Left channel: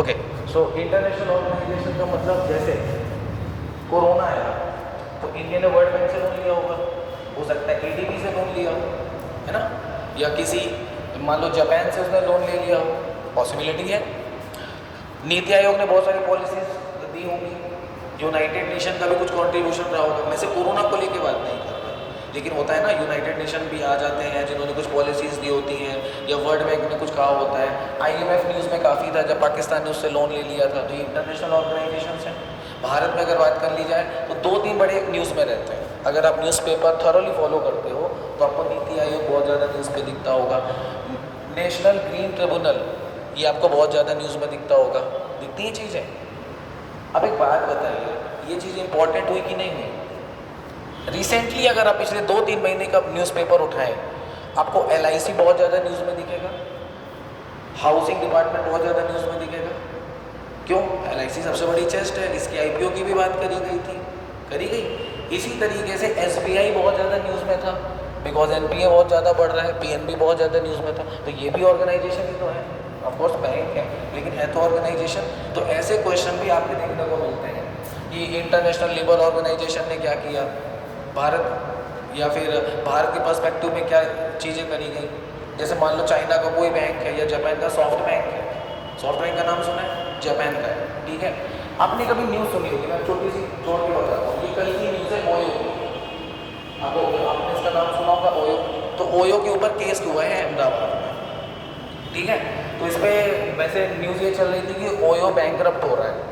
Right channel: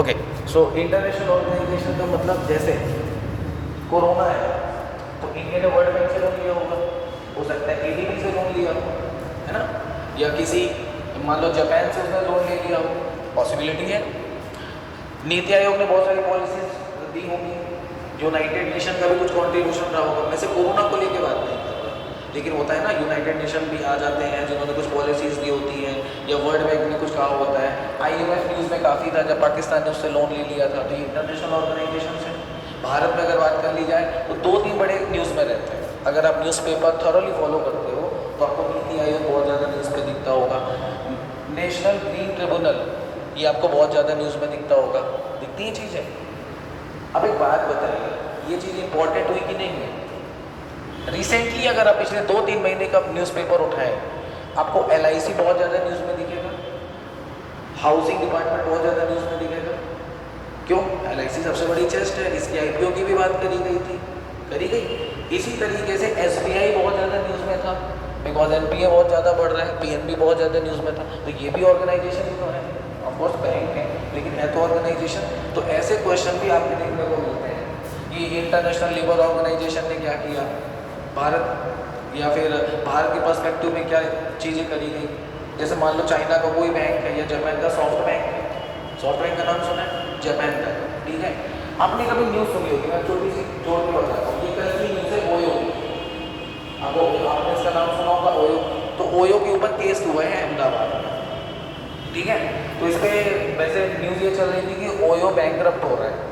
Okay, so international organisation का मतलब जैसे कोरोना आया तो इंडिया ने वर्ल्ड बैंक से लोन लिया होगा, हो सकता है एडीबी से लोन लिया हो, है ना, या किसी मान लो जापान से उसने लोन ले लिया हो, पॉसिबिलिटी है। नीति आयोग ने बहुत सारी पॉलिसीज दी होंगी, यूनाइटेड नेशन का भी कुछ कॉन्ट्रीब्यूशन रहा होगा। मैं से कोरोना को लेकर बात नहीं कर रहा, लेकिन होता है ना यूनाइटेड नेशन भी आ जाते हैं जिन्होंने कुछ पॉलिसीज दी होती है, या वर्ल्ड बैंक ने कुछ कहा होता है। IMF न्यूज़ में काफ़ी था जब पाकिस्तान ने उससे लोन ले लिया था, तो ये इंटरनेशनल ऑर्गेनाइजेशन है। भारत में अगर बात कर ली जाए तो 2-3 बड़े न्यूज़ में रहते हैं। अगर आप न्यूज़पेपर थॉरोली फॉलो करते हो तो आपको नीति आयोग बहुत ज़्यादा न्यूज़ पे दिखता होगा, नेशनल ग्रीन ट्रिब्यूनल ये आपको बहुत ज़्यादा न्यूज़ में दिखता होगा, दिखती ही चीज़ें। अब एक बात बताइए, ये चीज़ इंपॉर्टेंट हुई कि नहीं है? रिसेंटली अगर आप पिछले 2-3 महीने का न्यूज़पेपर उठाएं, आपको LIC बहुत ज़्यादा न्यूज़ में दिखेगा, हाउसिंग डिपार्टमेंट बहुत ज़्यादा न्यूज़ में दिखेगा। क्यों? LIC सबसे बड़ी चेस्ट है, इसकी IPO की भी बात करी गई थी, करी गई। इसी तरीके से SBI बहुत ज़्यादा न्यूज़ में था, बिकॉज NPA बहुत ज़्यादा बढ़ रहा है, PNB बहुत ज़्यादा न्यूज़ में था, तो ये भी ऑर्गेनाइजेशन ही तो है, ऑफकोर्स बैंक है लेकिन है तो ऑर्गेनाइजेशन। तो ऐसे क्वेश्चन भी आपको देखने को मिलते हैं कि इंटरनेशनल लेबर ऑर्गेनाइजेशन ने क्या किया, भारत या फिर भारत के पर्सपेक्टिव में क्या चीज़ें करी गई। जैसे मान लो चाइना का कोई बैंक है या जापान का सॉफ्ट बैंक है, सॉफ्ट बैंक का नाम सुना है, जापान का है, ठीक है। आपने कभी न्यूज़ सुनी होगी, मैं छोटी सी जोड़ के बताता हूँ, ये कल की न्यूज़ है ओयो, आपने इसका नाम सुना होगा ओयो। तो ओयो के ऊपर केस हुआ है अहमदाबाद में, ठीक है। तो इस पर वैसे न्यूज़ ये चल रही थी कि ओयो बैंकरप्ट हो रहा है,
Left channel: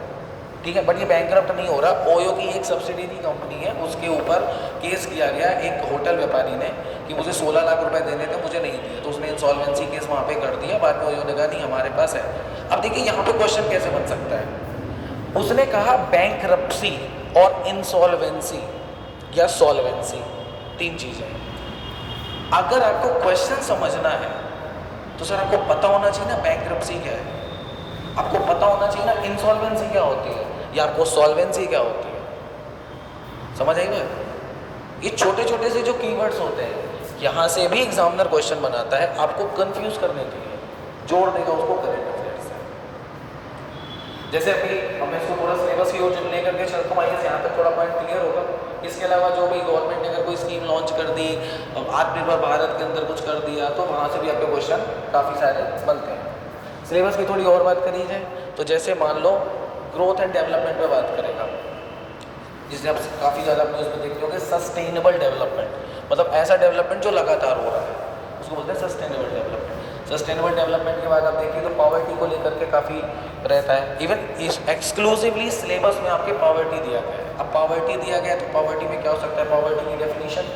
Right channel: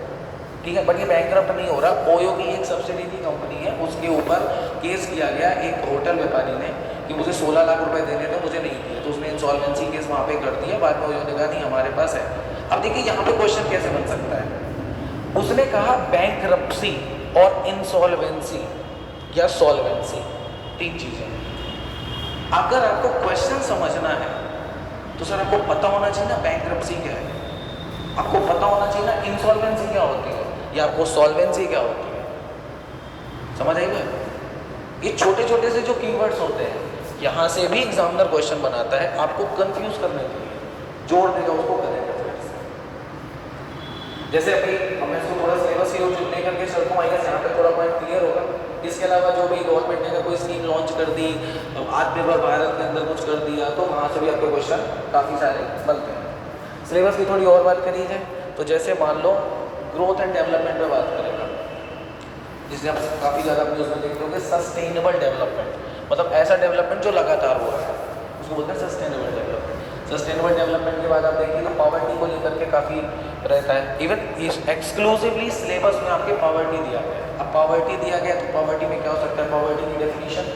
ठीक है, बट ये बैंकरप्ट नहीं हो रहा। ओयो की एक सब्सिडरी कंपनी है, उसके ऊपर केस किया गया एक होटल व्यापारी ने कि मुझे 16 लाख रुपए देने थे, मुझे नहीं दिए, तो उसने इंसॉल्वेंसी केस वहाँ पे कर दिया। बाद में ओयो ने कहा नहीं हमारे पास है। अब देखिए यहाँ पे क्वेश्चन कैसे बन सकता है, उसने कहा बैंकरप्सी और इंसॉल्वेंसी या सॉल्वेंसी, 3 चीज़ें। अगर आपको क्वेश्चन समझना है तो सर आपको पता होना चाहिए ना बैंकरप्सी क्या है, आपको पता होना चाहिए ना इंसॉल्वेंसी क्या होती है, या आपको सॉल्वेंसी क्या होती है। समझ आएगा? ये छोटे छोटे से जो कीवर्ड्स होते हैं, यहाँ से भी एग्जामिनर क्वेश्चन बनाता है आपको कंफ्यूज करने के लिए, जोड़ देगा उसको करंट अफेयर से। जैसे अभी मैं इसको थोड़ा सिलेबस की ओर लेकर के चलता हूँ, यहाँ पे थोड़ा पॉइंट क्लियर होगा। इसके अलावा जो भाई गवर्नमेंट ने कोई स्कीम लॉन्च कर दी, आत्मनिर्भर भारत के अंदर कुछ कर दिया, तो वहाँ से भी आपके क्वेश्चन काफ़ी सारे बनते हैं। सिलेबस की थोड़ी और बात करी जाए तो जैसे मान लो ग्रोथ एंड डेवलपमेंट में बात करेगा, जिसे आप काफ़ी ज़्यादा न्यूज़ में देखते होंगे, सस्टेनेबल डेवलपमेंट, मतलब ऐसा डेवलपमेंट जो लगातार हो रहा है, उसको बोलते हैं सस्टेनेबल डेवलपमेंट। सस्टेनेबल डेवलपमेंट की बात आप देखिए तो पॉवर्टी को लेकर के काफ़ी रहता है। इवन एक्सक्लूसिवली सिलेबस में आपके पॉवर्टी दिया गया है। अब पॉवर्टी दिया गया तो पॉवर्टी में क्या हो सकता है, पॉवर्टी की डेफिनेशन,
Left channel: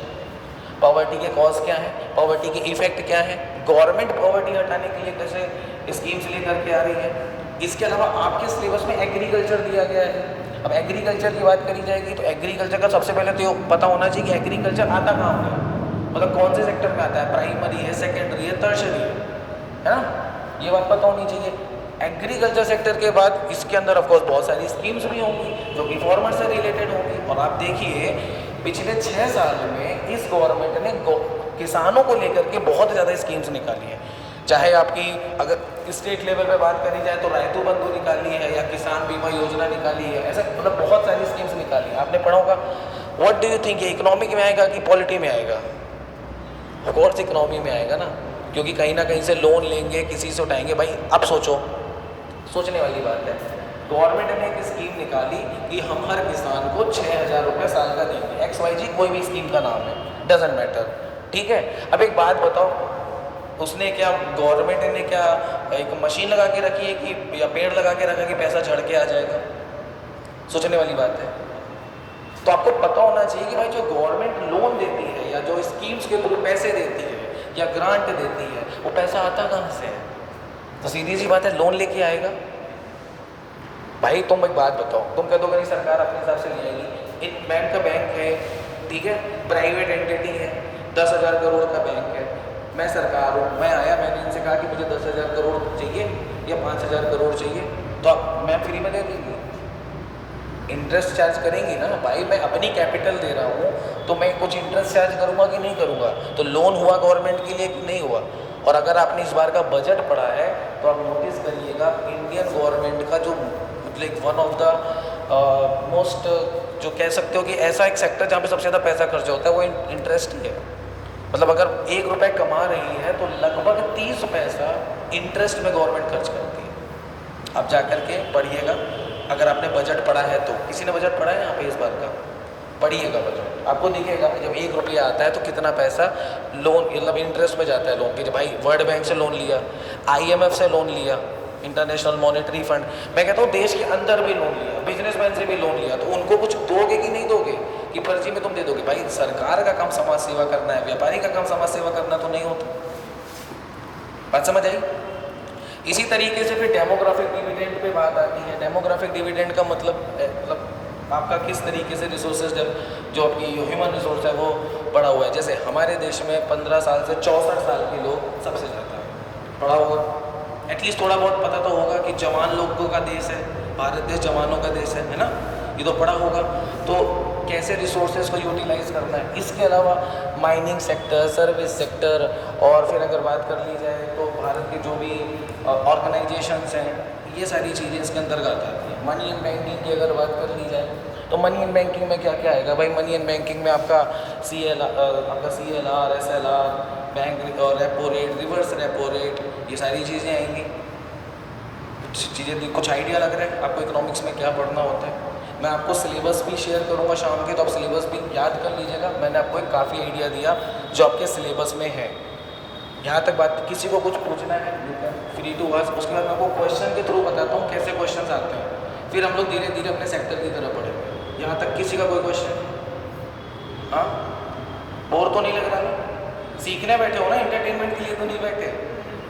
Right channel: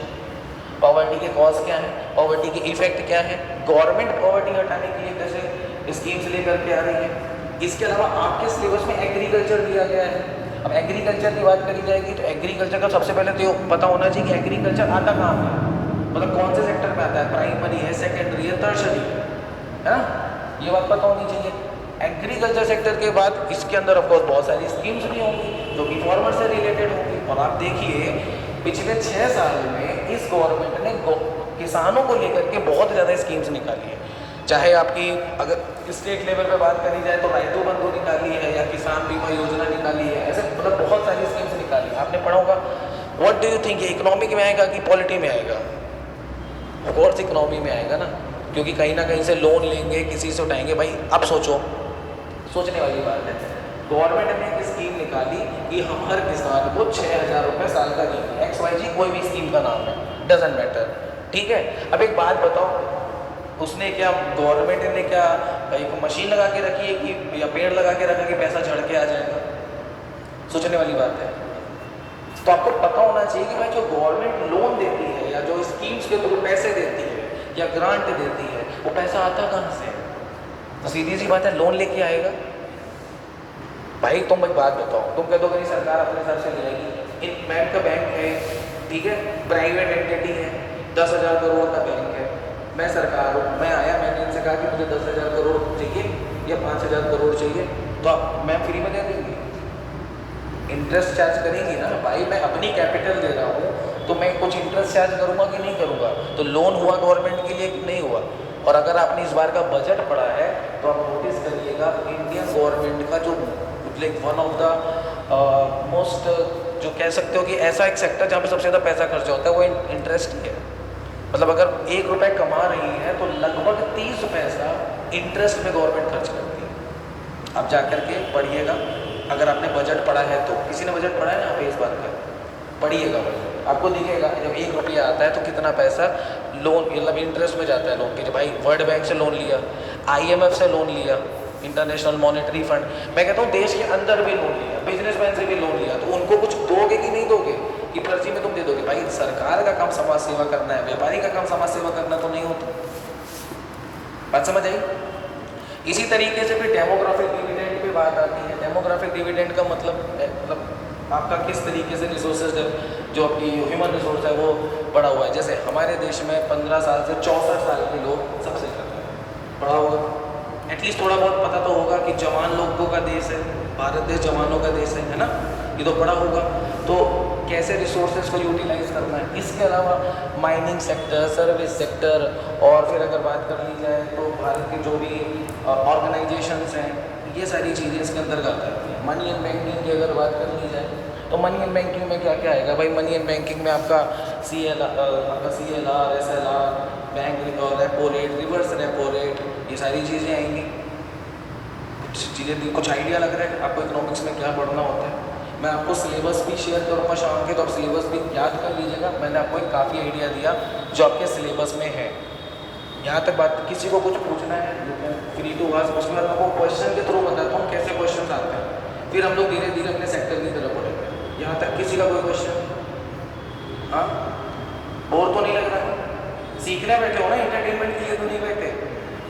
पॉवर्टी के कॉज क्या है, पॉवर्टी के इफेक्ट क्या है, गवर्नमेंट पॉवर्टी हटाने के लिए कैसे स्कीम्स लेकर के आ रही है। इसके अलावा आपके सिलेबस में एग्रीकल्चर दिया गया है। अब एग्रीकल्चर की बात करी जाएगी तो एग्रीकल्चर का सबसे पहले तो पता होना चाहिए कि एग्रीकल्चर आता कहाँ है, मतलब कौन से सेक्टर में आता है, प्राइमरी है, सेकेंडरी है, टर्शरी है ना, ये बात पता होनी चाहिए। एग्रीकल्चर सेक्टर के बाद इसके अंदर ऑफकोर्स बहुत सारी स्कीम्स भी होंगी जो कि फार्मर से रिलेटेड होंगी। और आप देखिए पिछले 6 साल में इस गवर्नमेंट ने किसानों को लेकर के बहुत ज़्यादा स्कीम्स निकाली है। चाहे आपकी अगर स्टेट लेवल पे बात करी जाए तो राइतु बंधु निकाली है, या किसान बीमा योजना निकाली है, ऐसे मतलब बहुत सारी स्कीम्स निकाली है। आपने पढ़ा होगा। व्हाट डू यू थिंक, ये इकोनॉमी में आएगा कि पॉलिटी में आएगा? ऑफकोर्स इकोनॉमी में आएगा ना, क्योंकि कहीं ना कहीं से लोन लेंगे, किसी से उठाएंगे। भाई अब सोचो, सोचने वाली बात है। गवर्नमेंट ने एक स्कीम निकाली कि हम हर किसान को 6,000 रुपये साल का देंगे, XYZ कोई भी स्कीम का नाम है, डजेंट मैटर, ठीक है। अब एक बात बताओ, उसने क्या, गवर्नमेंट ने क्या एक मशीन लगा के रखी है कि या पेड़ लगा के रखा कि पैसा झड़ के आ जाएगा? सोचने वाली बात है। तो आपको पता होना चाहिए कि भाई जो गवर्नमेंट लोन देती है या जो स्कीम्स के थ्रू पैसे देती है या ग्रांट देती है, वो पैसा आता कहाँ से? तो सीधी सी बात है, लोन लेके आएगा। भाई तुम एक बात बताओ, तुम कह दो नहीं सरकार अपने हिसाब से ले आएगी। एक बैंक का बैंक है, ठीक है, प्राइवेट एंटिटी है, 10,000 करोड़ का बैंक है, मैं सरकार हूँ, मैं आया, मैंने इनसे कहा कि मुझे 10,000 करोड़ चाहिए या 5,000 करोड़ चाहिए, तो अब मैं फ्री में दे दूँगी? इंटरेस्ट चार्ज करेंगी ना भाई, मैं अपनी कैपिटल दे रहा हूँ तो मैं कुछ इंटरेस्ट चार्ज करूँगा कि नहीं करूँगा? तो लोन हुआ गवर्नमेंट के लिए कि नहीं हुआ? और अगर आपने इस बार का बजट पढ़ा है तो आप नोटिस करिएगा, इंडियन गवर्नमेंट गवर्नमेंट का जो like one of the most जो कह सकते हो कि ऐसा एक सेक्टर जहाँ पे सबसे ज़्यादा पैसा खर्च होता है वो इंटरेस्ट ही है। मतलब अगर 1 रुपये कमा रही है तो लगभग 30 पैसा इंटरेस्ट में गवर्नमेंट खर्च करती है। अब जा कर के पढ़िएगा, अगर आपने बजट पढ़ा है तो, किसी ने बजट पढ़ा है यहाँ पे इस बात का, पढ़िएगा बजट, आपको दिखेगा कि जब 1 रुपया आता है तो कितना पैसा लोन मतलब इंटरेस्ट में जाता है लोन के। जब भाई वर्ल्ड बैंक से लोन लिया, IMF से लोन लिया, इंटरनेशनल मॉनेटरी फंड, मैं कहता हूँ देश के अंदर भी लोन लिया, बिजनेसमैन से भी लोन लिया, तो उनको कुछ दोगे कि नहीं दोगे कि फर्जी में तुम दे दोगे? भाई सरकार का काम समाज सेवा करना है, व्यापारी का काम समाज सेवा करना तो नहीं होता। बात समझ आई? इसी तरीके से फिर डेमोग्राफिक डिविडेंड पे बात आती है। डेमोग्राफिक डिविडेंड का मतलब आपका किस तरीके से रिसोर्सेज जो आपकी ह्यूमन रिसोर्स है वो बढ़ा हुआ है। जैसे हमारे देश में 15 साल से 64 साल के लोग सबसे ज़्यादा है, बढ़ा होगा, एटलीस्ट थोड़ा बहुत पता तो होगा कि जवान लोगों का देश है, भारत देश जवानों का देश है ना, ये तो बड़ा होगा। तो कैसे रिसोर्सेज को यूटिलाइज करना है। इसके अलावा माइनिंग सेक्टर, सर्विस सेक्टर, और फिर अगर बात कर ली जाए तो भारत के जो भी ऑर्गेनाइजेशंस हैं, ये सारी चीज़ें इसके अंतर्गत आती हैं। मनी एंड बैंकिंग की अगर बात कर ली जाए तो मनी एंड बैंकिंग में क्या क्या आएगा भाई? मनी एंड बैंकिंग में आपका CLR, SLR, bank repo rate, reverse repo rate, ये सारी चीज़ें आएंगी। कुछ आइडिया लग रहा है आपको इकोनॉमिक्स में क्या पढ़ना होता है? मैं आपको सिलेबस भी शेयर करूँगा शाम के, तो आप सिलेबस भी याद कर लीजिएगा। मैंने आपको एक काफ़ी आइडिया दिया जो आपके सिलेबस में है। यहाँ तक बात, किसी को कुछ पूछना है फ्री टू आस्क, उसके बाद आपको क्वेश्चन के थ्रू बताता हूँ कैसे क्वेश्चन आते हैं, फिर हम लोग धीरे धीरे अपने सेक्टर की तरफ बढ़ेंगे। यहाँ तक किसी का कोई क्वेश्चन? हाँ, बोर तो नहीं लग रहा? सीखने बैठे हो ना, एंटरटेनमेंट के लिए तो नहीं बैठे?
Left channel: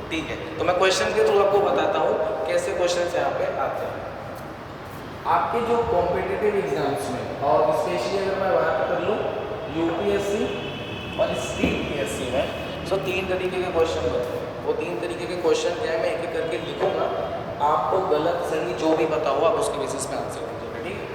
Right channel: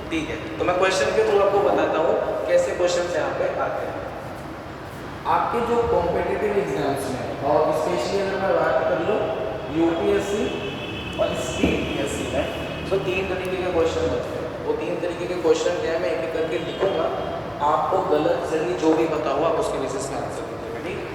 ठीक है, तो मैं क्वेश्चन के थ्रू आपको बताता हूँ कैसे क्वेश्चन यहाँ पे आते हैं। आपके जो कॉम्पिटिटिव एग्जाम्स में, और स्पेशली अगर मैं बात कर लूँ UPSC और CPSC में, तो 3 तरीके के क्वेश्चन होते हैं। वो 3 तरीके के क्वेश्चन क्या है मैं एक एक करके लिखूंगा, आपको गलत सही जो भी पता हुआ उसके बेसिस में आंसर दीजिएगा, ठीक है?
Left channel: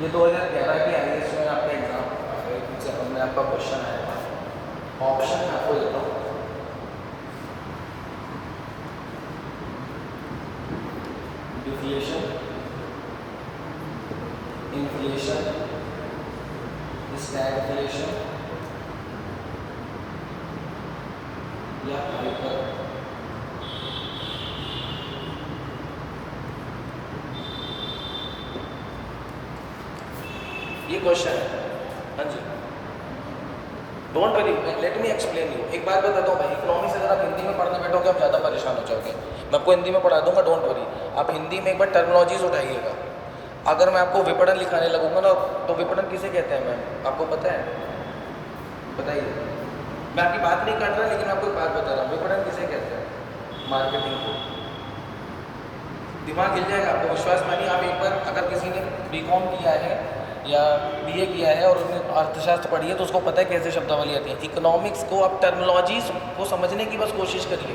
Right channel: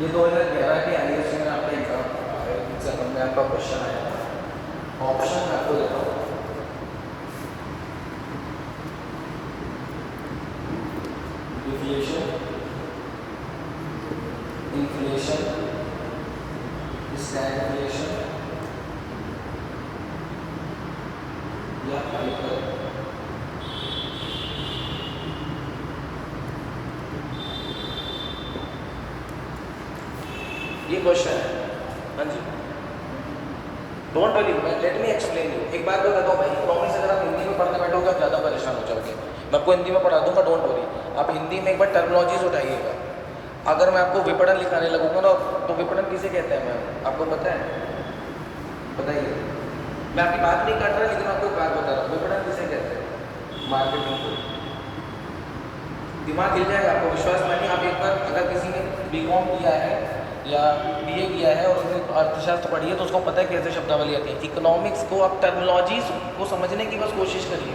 ये 2011 के IAS में आपका एग्जाम में आपका क्वेश्चन आया है। ऑप्शन मैं आपको देता हूँ, डिफ्लेशन, इन्फ्लेशन, स्टैगफ्लेशन या हाइपर। ये क्वेश्चन है। हाँ जी, don't worry, let me explain you. एक बात बताता हूँ भाई, इकोनॉमिक्स अगर आप हिंदी में पढ़ने बैठोगे आप ज़्यादा परेशान हो जाओगे। मैं आपको हिंदी में पढ़ा दूंगा, डोंट वरी। आप हिंदी में एक बार टर्मिनोलॉजीज उठाइएगा। अगर मैं आपको विपणन लिखाने लगूंगा ना, तो विपणन किसे कहते हैं मैम, आपको पता है? बताइए। मैं आपकी बात नहीं कर रहा, लेकिन आपको एक बात बता रहा हूँ, विपणन किसे कहते हैं? मार्केटिंग को। दिमाग हिल जाएगा, आपको विश्वास मानिए। आप एक बार अगर किसी ने BCom किया है या BA किया है और उसने अर्थशास्त्र पढ़ी है तो उसको पता है कैसे शब्दावली आती है। इकोनॉमिक्स को आप टर्मिनोलॉजीज को समझने की बस कोशिश करिए।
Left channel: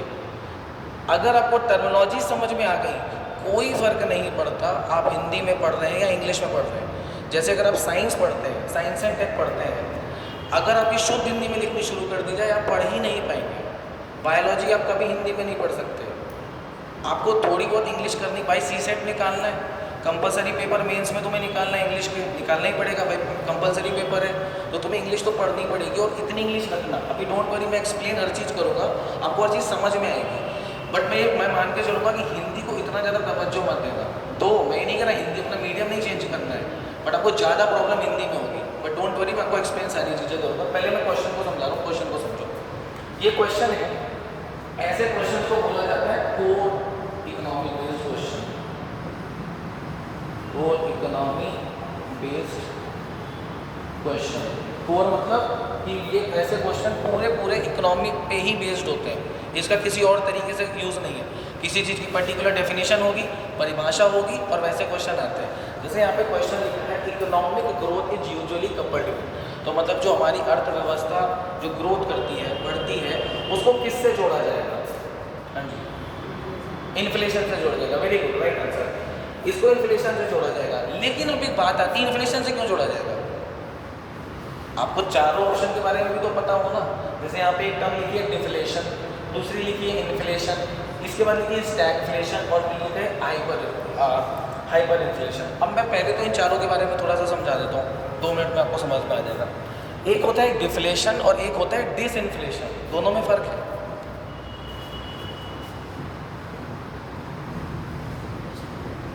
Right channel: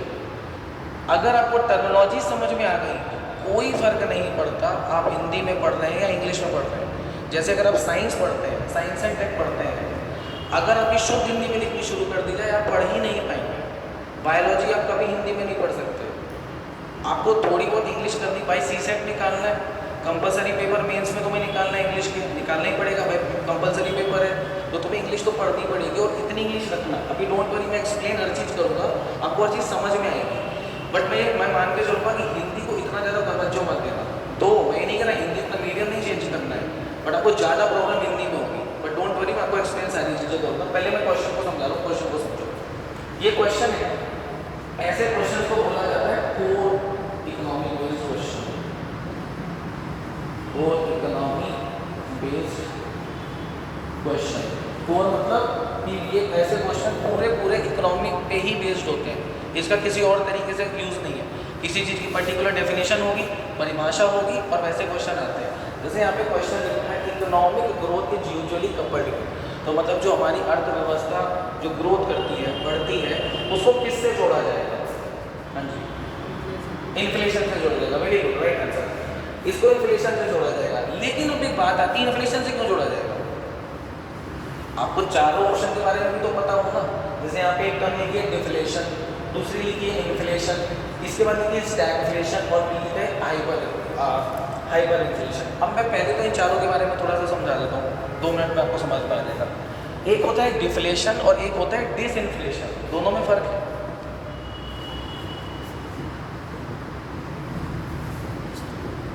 अगर आपको टर्मिनोलॉजी समझ में आ गई, कोई फ़र्क नहीं पड़ता आप हिंदी में पढ़ रहे हैं या इंग्लिश में पढ़ रहे हैं। जैसे अगर आप साइंस पढ़ते हैं, साइंस एंड टेक पढ़ते हैं, अगर आपकी शुद्ध हिंदी में लिखनी शुरू कर दी जाए आप पढ़ ही नहीं पाएंगे। बायोलॉजी आप कभी हिंदी में नहीं पढ़ सकते, आपको थोड़ी बहुत इंग्लिश करनी। भाई CSET निकालना है, कंपलसरी पेपर मेंस में तुम्हें निकालना है, इंग्लिश के निकालना ही पड़ेगा भाई, कंपलसरी पेपर है तो तुम्हें इंग्लिश तो पढ़नी पड़ेगी। और इतनी इंग्लिश रखना, अभी डोंट वरी मैं एक्सप्लेन हर चीज़ करूँगा, आपको हर चीज़ समझ में आएगी। बट मैं मान के चलूँगा कि हिंदी को इतना ज़्यादा तवज्जो मत देना। तो मैं नहीं कह रहा हिंदी का मीडियम नहीं चेंज करना है, बट आपको ज़्यादा प्रॉब्लम हिंदी में होगी। बट डोंट वरी, मैं आपको एक्सप्लेन सारी चीज़ें दूँगा। पहले मैं क्वेश्चन को समझा रहा हूँ, क्वेश्चन को समझो। ये क्वेश्चन है, ऐसे क्वेश्चन को बोला जाता है core economic based question. Core economy based question. Core मतलब कि ये ऐसे क्वेश्चन पूरे इकोनॉमी पे ही बेस्ड होते हैं। इसका किसी और तरीके से यूज़ नहीं है। किसी चीज़ की पर्टिकुलर डेफिनेशन होगी, परिभाषा होगी और वैसे क्वेश्चन आते हैं। जैसे यहाँ पे क्वेश्चन लिखा है economic growth is usually coupled with, तो मतलब जो हमारी अर्थव्यवस्था जो ग्रोथ करती है, बढ़ती है, उसको किससे जोड़ा जाएगा? हाँ जी, इन्फ्लेशन से जोड़ा जाएगा। Very good, right answer. इसको इन्फ्लेशन से जोड़ा जाएगा। लेकिन अब एक बात आती है, इन्फ्लेशन से क्यों जोड़ा जाएगा? आपको चारों ऑप्शन के बारे में भी तो पता हो ना। जैसे यहाँ पे एक टर्म लिखी है डिफ्लेशन, दूसरी लिखी है इन्फ्लेशन, इसके बाद लिखी है स्टैगफ्लेशन और लिखी है हाइपर इन्फ्लेशन। अब मैं पहले तो इन चारों के बारे में थोड़ा सा समझा देता हूँ, 2 मिनट में आपको समझ में आ जाएगा। एक होता है डिफ्लेशन और एक होता है डिसइन्फ्लेशन, दोनों में फर्क है।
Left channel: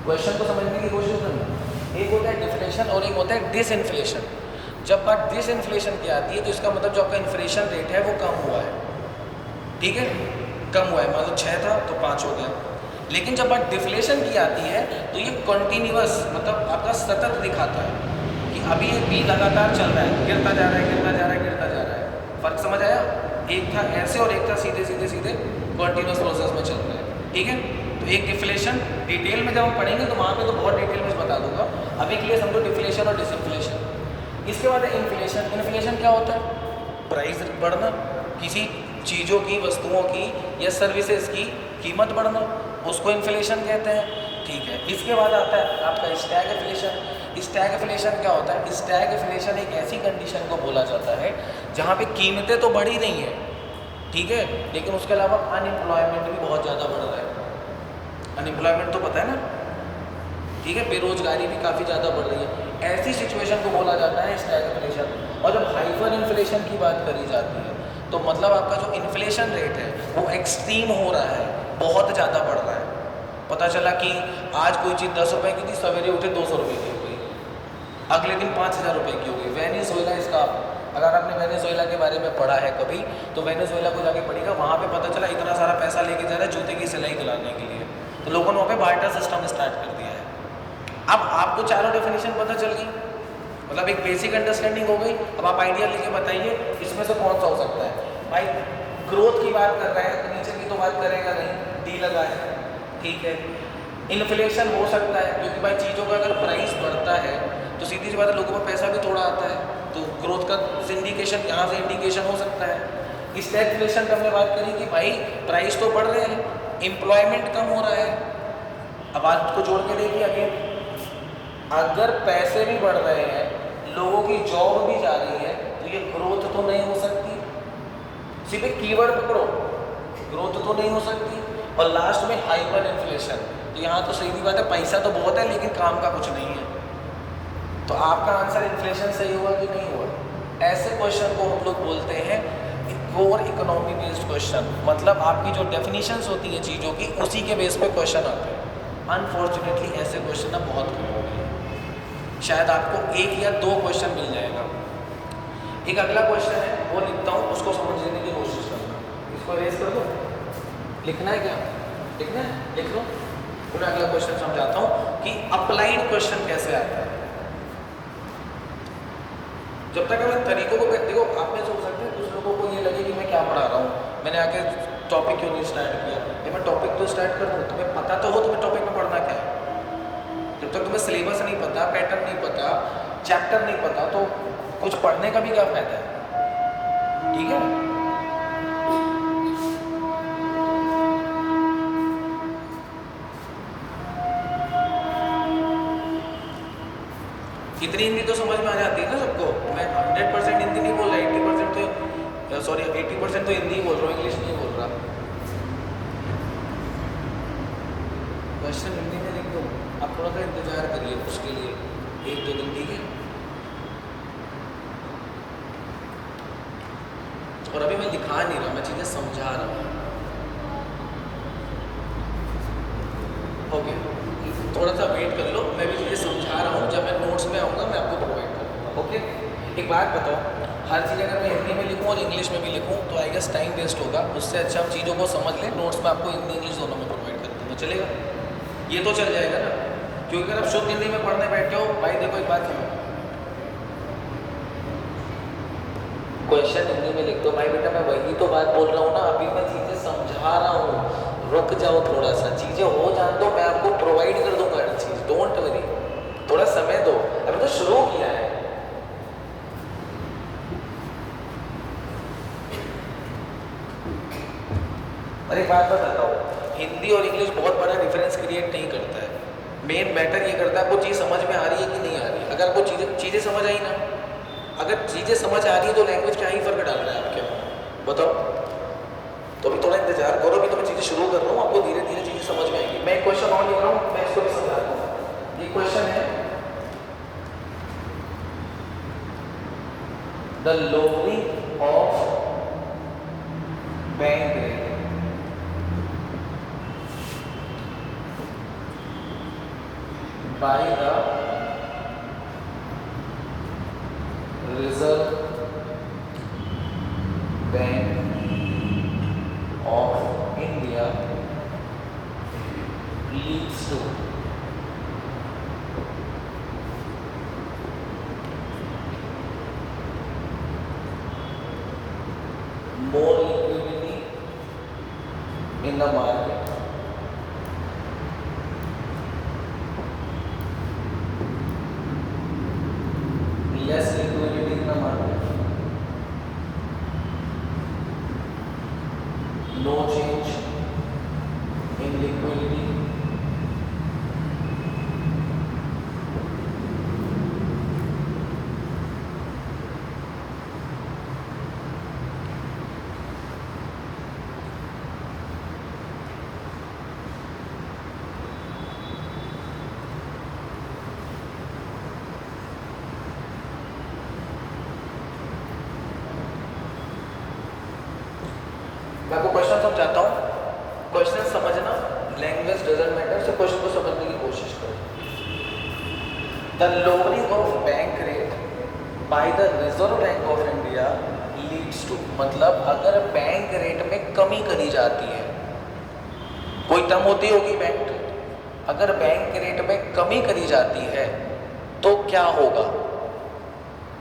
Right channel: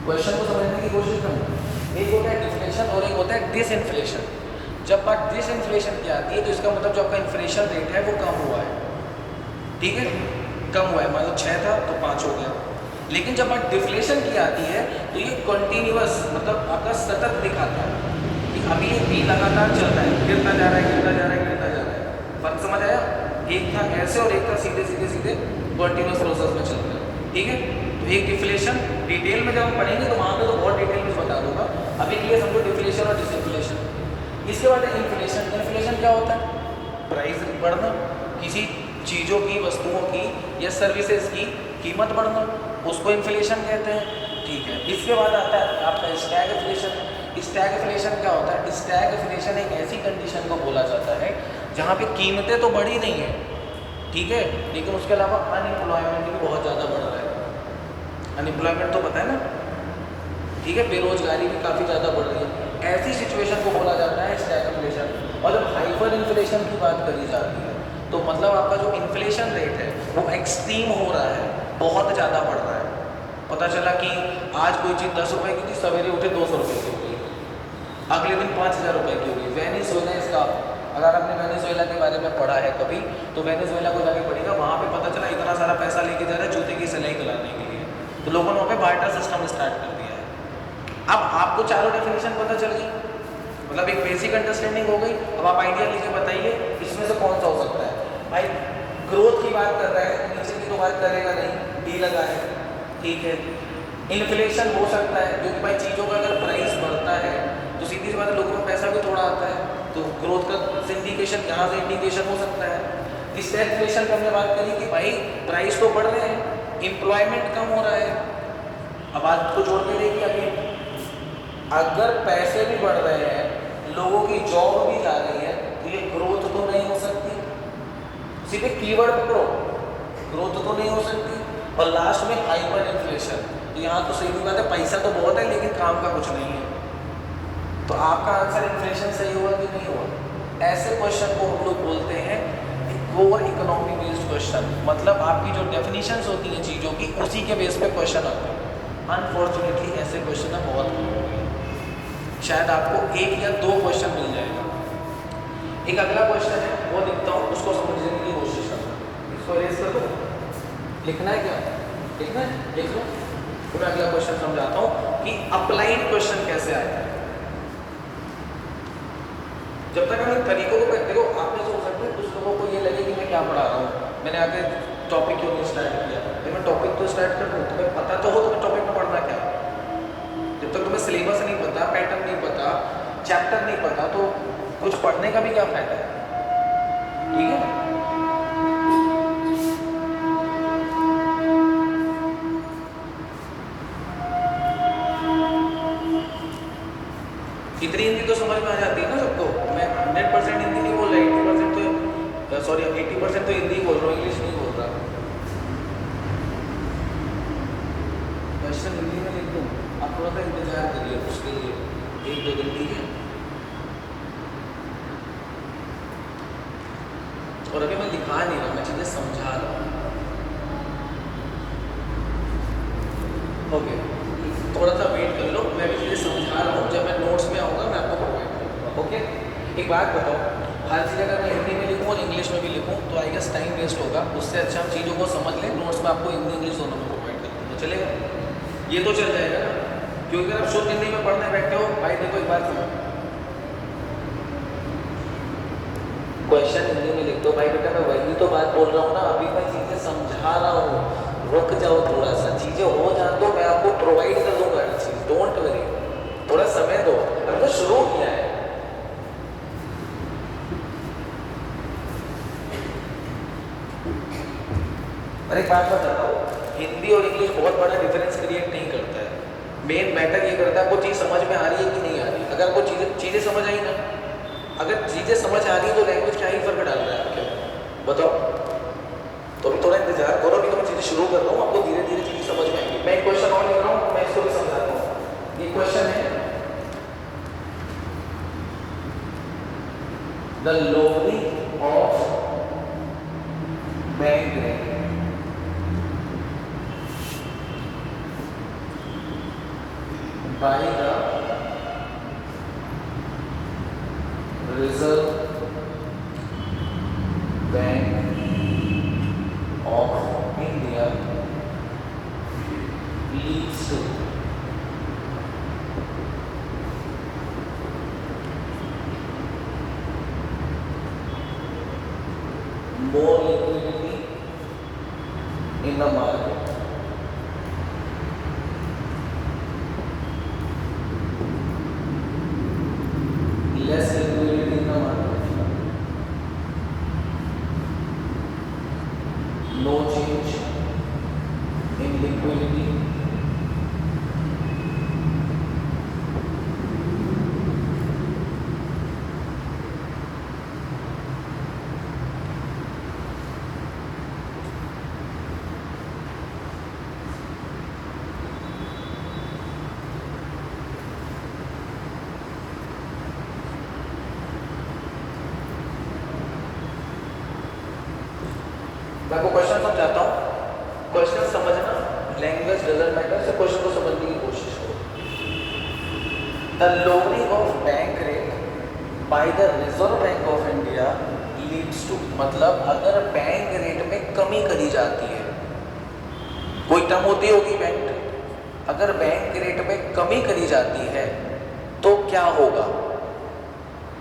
क्वेश्चन को समझने की कोशिश करना। एक होता है डिफ्लेशन और एक होता है डिसइन्फ्लेशन। जब बात डिसइन्फ्लेशन की आती है तो इसका मतलब जो आपका इन्फ्लेशन रेट है वो कम हुआ है, ठीक है, कम हुआ है, मान लो 6 था तो 5 हो गया। लेकिन जब बात डिफ्लेशन की आती है तो ये कॉन्टीन्यूअस, मतलब आपका सतत दिखाता है कि अभी ये बी लगातार चल रहा है, गिरता जा रहा है, गिरता जा रहा है, गिरता जा रहा है। फर्क समझ आया? एक था ऐसे और एक था सीधे सीधे सीधे कॉन्टीन्यूअस प्रोसेस में चल रहा है, ठीक है। तो एक डिफ्लेशन डिटेल में जब हम पढ़ेंगे तो वहाँ पे तो बहुत डिटेल में बता दूंगा, अभी के लिए समझो डिफ्लेशन और डिसइन्फ्लेशन। इसके बाद है इन्फ्लेशन। इन्फ्लेशन क्या होता है? प्राइस बढ़ना, किसी चीज़ों की, वस्तुओं की या सर्विसेज की कीमत बढ़ना, उसको इन्फ्लेशन कहते हैं, ठीक है। इसके बाद आता है आपका स्टैगफ्लेशन। स्टैगफ्लेशन क्या होता है? स्टैगफ्लेशन एक ऐसी कंडीशन को बोला जाता है जहाँ पे कीमतें तो बढ़ ही रही हैं, ठीक है, लेकिन उसके अलावा अनएम्प्लॉयमेंट भी बहुत ज़्यादा बढ़ रहा है। अनएम्प्लॉयमेंट तो पता है ना, ठीक है, बेरोजगारी भी काफ़ी ज़्यादा बढ़ रही है। ऐसी सिचुएशन को बोला जाता है स्टैगफ्लेशन। और जब हाइपर इन्फ्लेशन की बात करी जाती है तो मतलब आपका जो इन्फ्लेशन रेट है वो एक्सट्रीम हो रहा है, बहुत ज़्यादा बढ़ रहा है। पता चला कि आज कोई चीज़ 10 रुपये की थी, सवेरे उठे 200 रुपये की हो गई, अगले दिन 5000 रुपये की हो गई। वेनेजुएला इसका, अगर आपने वेनेजुएला के बारे में पढ़ा है कभी तो वेनेजुएला को जाके पढ़िएगा, वहाँ पे पता चला इतना सारा पैसा लेके जा रहा है जूते की सिलाई कराने के लिए, तो लोगों ने वहाँ पे बार्टर सिस्टम स्टार्ट कर दिया है। अब आपको चारों डेफिनेशन पता चल गई, मतलब एक बेसिक अंडरस्टैंडिंग हो गई। अब आप आइडिया लेके बताइए इसमें से कौन सा हो सकता है। भाई ग्रोथ की बात कर रहा है, नीचे की तो बात करेगा नहीं, डी लगा है, ठीक है। इन्फ्लेशन हो सकता है क्योंकि भाई चीज़ों का अगर प्राइस बढ़ता है तो सीधी सी बात है लोगों का पैसा भी थोड़ा आता है, तो ग्रोथ का इंडिकेशन यहाँ से इंडिकेशन हो सकता है। स्टैगफ्लेशन पे हमने बात करी कि भाई प्राइस तो बढ़ रहे हैं, एम्प्लॉयमेंट कम हो रहा है। अब बात को जोड़ के देखिए आगे, अगर पैसे भी बढ़ रहे हैं, लोगों की जॉब भी जा रही है, तो ये ग्रोथ तो नहीं हो सकती। सीधे कीवर्ड पकड़ो, ग्रोथ तो नहीं हो सकती। और लास्ट में हाइपर इन्फ्लेशन, तो यहाँ तो सीधी बात है पैसा तो बहुत है लेकिन काम का कुछ नहीं है। तो आपका आंसर इन्फ्लेशन सही हुआ कि नहीं हुआ? ऐसे क्वेश्चन को हम लोग बोलते हैं कोर इकोनॉमी बेस्ड क्वेश्चन, मतलब आपकी जो डेफिनेशंस होती हैं चीज़ों की उसी के बेस पे क्वेश्चन आते हैं। अनफॉर्चुनेटली ऐसे क्वेश्चन अब बहुत कम हो गए, शायद आपको 1 या 2 क्वेश्चन मिल जाएगा। एक अगला क्वेश्चन है वो लिखता हूँ, उसको समझने की कोशिश करो। इसको रेस कर दो, लिखना है क्या? लिखना है, लिख लो। तो मैं अगला क्वेश्चन समझाता हूँ कि अप्लाइड क्वेश्चन कैसे आता है। जब तक हम तरीकों को कहते हो आप में सोच सकते हो कुछ लोगों को ये लगे कि मैं क्या पढ़ा रहा हूँ, मैंने आके टॉपिक क्यों नहीं स्टार्ट किया। जब मैं टॉपिक तो स्टार्ट कर दूँ, तुम्हें पता तो हो तुम्हें टॉपिक में पढ़ना क्या है। जब तक तुम्हें सिलेबस नहीं पता, पैटर्न नहीं पता, चैप्टर नहीं पता, तो कुछ पढ़ने का भी क्या फायदा है, ठीक है। कितनी हिंदी तो समझ में आ जाती है ना सबको। मैं 100% हिंदी नहीं बोल रहा, 80% तो सॉरी 80% तो हिंदी बोल रहा हूँ, इंग्लिश नहीं बोल रहा। क्वेश्चन हिंदी में लिख दूँ, आप थोड़ा सा इंतजार करिए उसके लिए 1-2 दिन, ठीक है। और अभी मैं दिखा नहीं रहा, मैं चीज़ें समझा रहा हूँ, ओके। थोड़ा सा वेट कर लो, मैं भी चीज़ें समझा रहा हूँ, जब मैं नोट्स में आऊँगा मैं आपको प्रोवाइड करूँगा, ओके। एक बात बताओ, हर चीज़ अगर मैं हिंदी में लिखूँ और इंग्लिश में भी लिखूँ तो आई गेस टाइम वेस्ट होगा। उससे अच्छा हम चीज़ों को समझ लें, नोट्स में आपको हिंदी इंग्लिश दोनों में प्रोवाइड कर दूँगा, चलेगा? ये तो चल जाएगा ना, क्योंकि अगर आप शुद्ध हिंदी में पढ़ने बैठे हो, भाई देखो एक बात सुनो, क्वेश्चन हिंदी में लिख दो। भाई बेटा मैं वही तो बात बोल रहा हूँ ना, अभी मैं चीज़ें समझा और एक बात बताता हूँ, हिंदी और इंग्लिश बहुत बड़ा डिफरेंस क्रिएट नहीं करता है। मेन मैटर ये करता है वो चीज़ समझ में आ रही है कि नहीं आ रही है। अगर वो चीज़ें समझ आई ना, अगर चीज़ें समझ आ रही है तो लैंग्वेज क्या ही फर्क डाल रहा है क्या बताओ। तो अभी थोड़ा इंतजार करो, अभी तो मैं चीज़ें शुरू कर रहा हूँ, आपको धीरे धीरे चीज़ें समझ में आएंगी। मैं एक क्वेश्चन और ले रहा हूँ, मैं इसको भी समझाता हूँ। ये क्वेश्चन है, the lowering of bank rate by the Reserve bank of India leads to more liquidity in the market, less liquidity in the market, no change in liquidity, मैं आपको क्वेश्चन समझाता हूँ, क्वेश्चन समझना, लैंग्वेज डजंट मैटर, से question को समझने की कोशिश करो। The lowering of bank rate by the Reserve Bank of India leads to, मतलब अगर बैंक रेट में कमी करी जाती है, कोई टर्म होती होगी बैंक रेट, अगर बैंक रेट में कमी करी जाती है तो क्या होगा?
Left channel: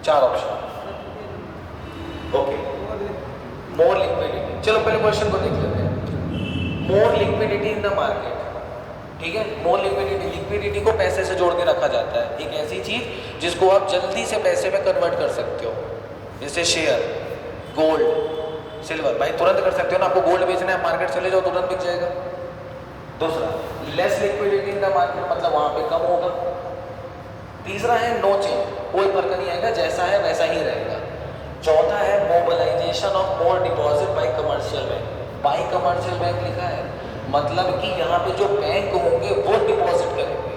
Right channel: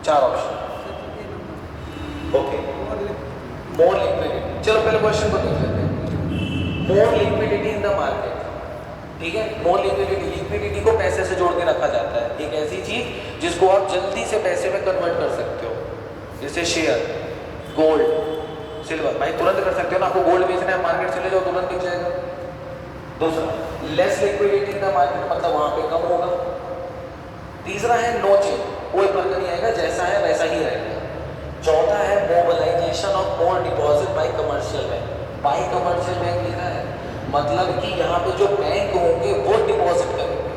चार ऑप्शन। ओके, मोर लिक्विडिटी, चलो पहले क्वेश्चन को देख लेते हैं। मोर लिक्विडिटी इन द मार्केट, ठीक है। मोर लिक्विडिटी, लिक्विडिटी को पैसे से जोड़ के रखा जाता है, एक ऐसी चीज जिसको आप जल्दी से पैसे में कन्वर्ट कर सकते हो, जैसे शेयर, गोल्ड, सिल्वर। भाई तुरंत कर सकते हो ना, आपको गोल्ड बेचना है, मार्केट चले जाओ तुरंत बिक जाएगा। दूसरा, less liquidity in the market, मतलब वहां पे कम होगा। तीसरा है नो चेंज, कोई फर्क नहीं आएगा, जैसा है वैसा ही रहेगा। चौथा है mobilisation of more deposit by commercial bank, by commercial bank लिखा है, मतलब कि यहाँ पे जो बैंक होंगे वो डिपॉजिट करेंगे,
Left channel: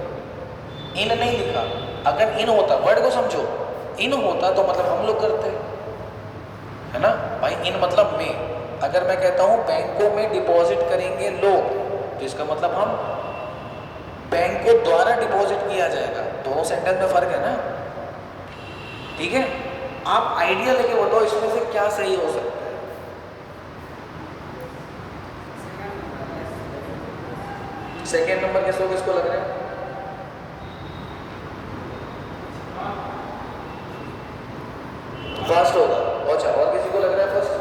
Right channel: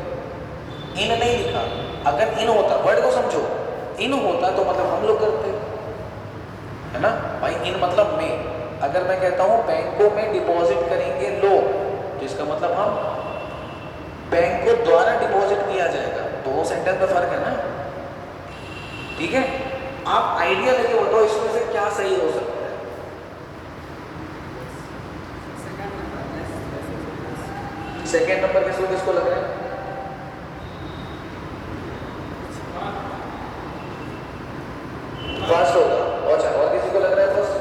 इन नहीं लिखा। अगर इन होता, वर्ड को समझो, इन होता तो मतलब हम लोग करते, है ना भाई। इन मतलब में, अगर मैं कहता हूँ बैंकों में डिपॉजिट करेंगे लोग, तो इसका मतलब हम बैंकों द्वारा डिपॉजिट किया जाएगा। दोनों सेंटेंस में फर्क है ना, ठीक है। आप आइडिया लेके बताओ इसमें से क्या सही हो सकता है। सेकेंड नंबर किसको लग रहा है? फर्स्ट होगा। अच्छा, और किसी को लग रहा है फर्स्ट?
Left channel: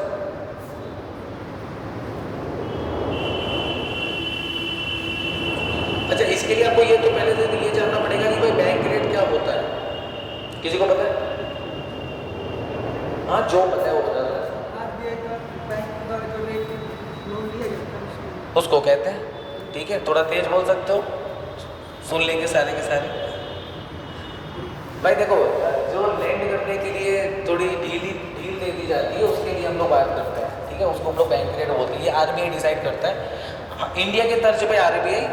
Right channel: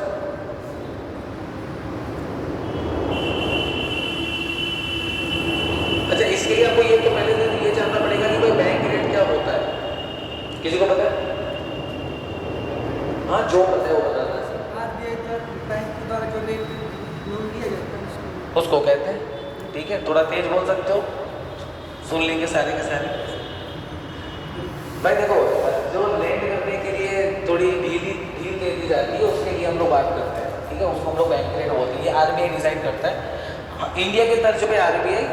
अच्छा, इसके लिए आपको ये तो पहले से ये जानना पड़ेगा कि भाई बैंक रेट क्या होता है। किसी को पता है? हाँ, जो पता है वो बता देना। उसको कहते हैं, ठीक है। थोड़ा तेज बोल सकते हो, सुन लेंगे सारे के सारे। भाई देखो, जो लैंड करने के लिए थोड़ी ढील दे दी जाती है, उसके लिए हम लोग बात करते हैं, ठीक है। उसको हम लोग बैंक रेट बोलते हैं, ये आरबीआई डिसाइड करता है। इंडिया के तर्ज पे आरबीआई,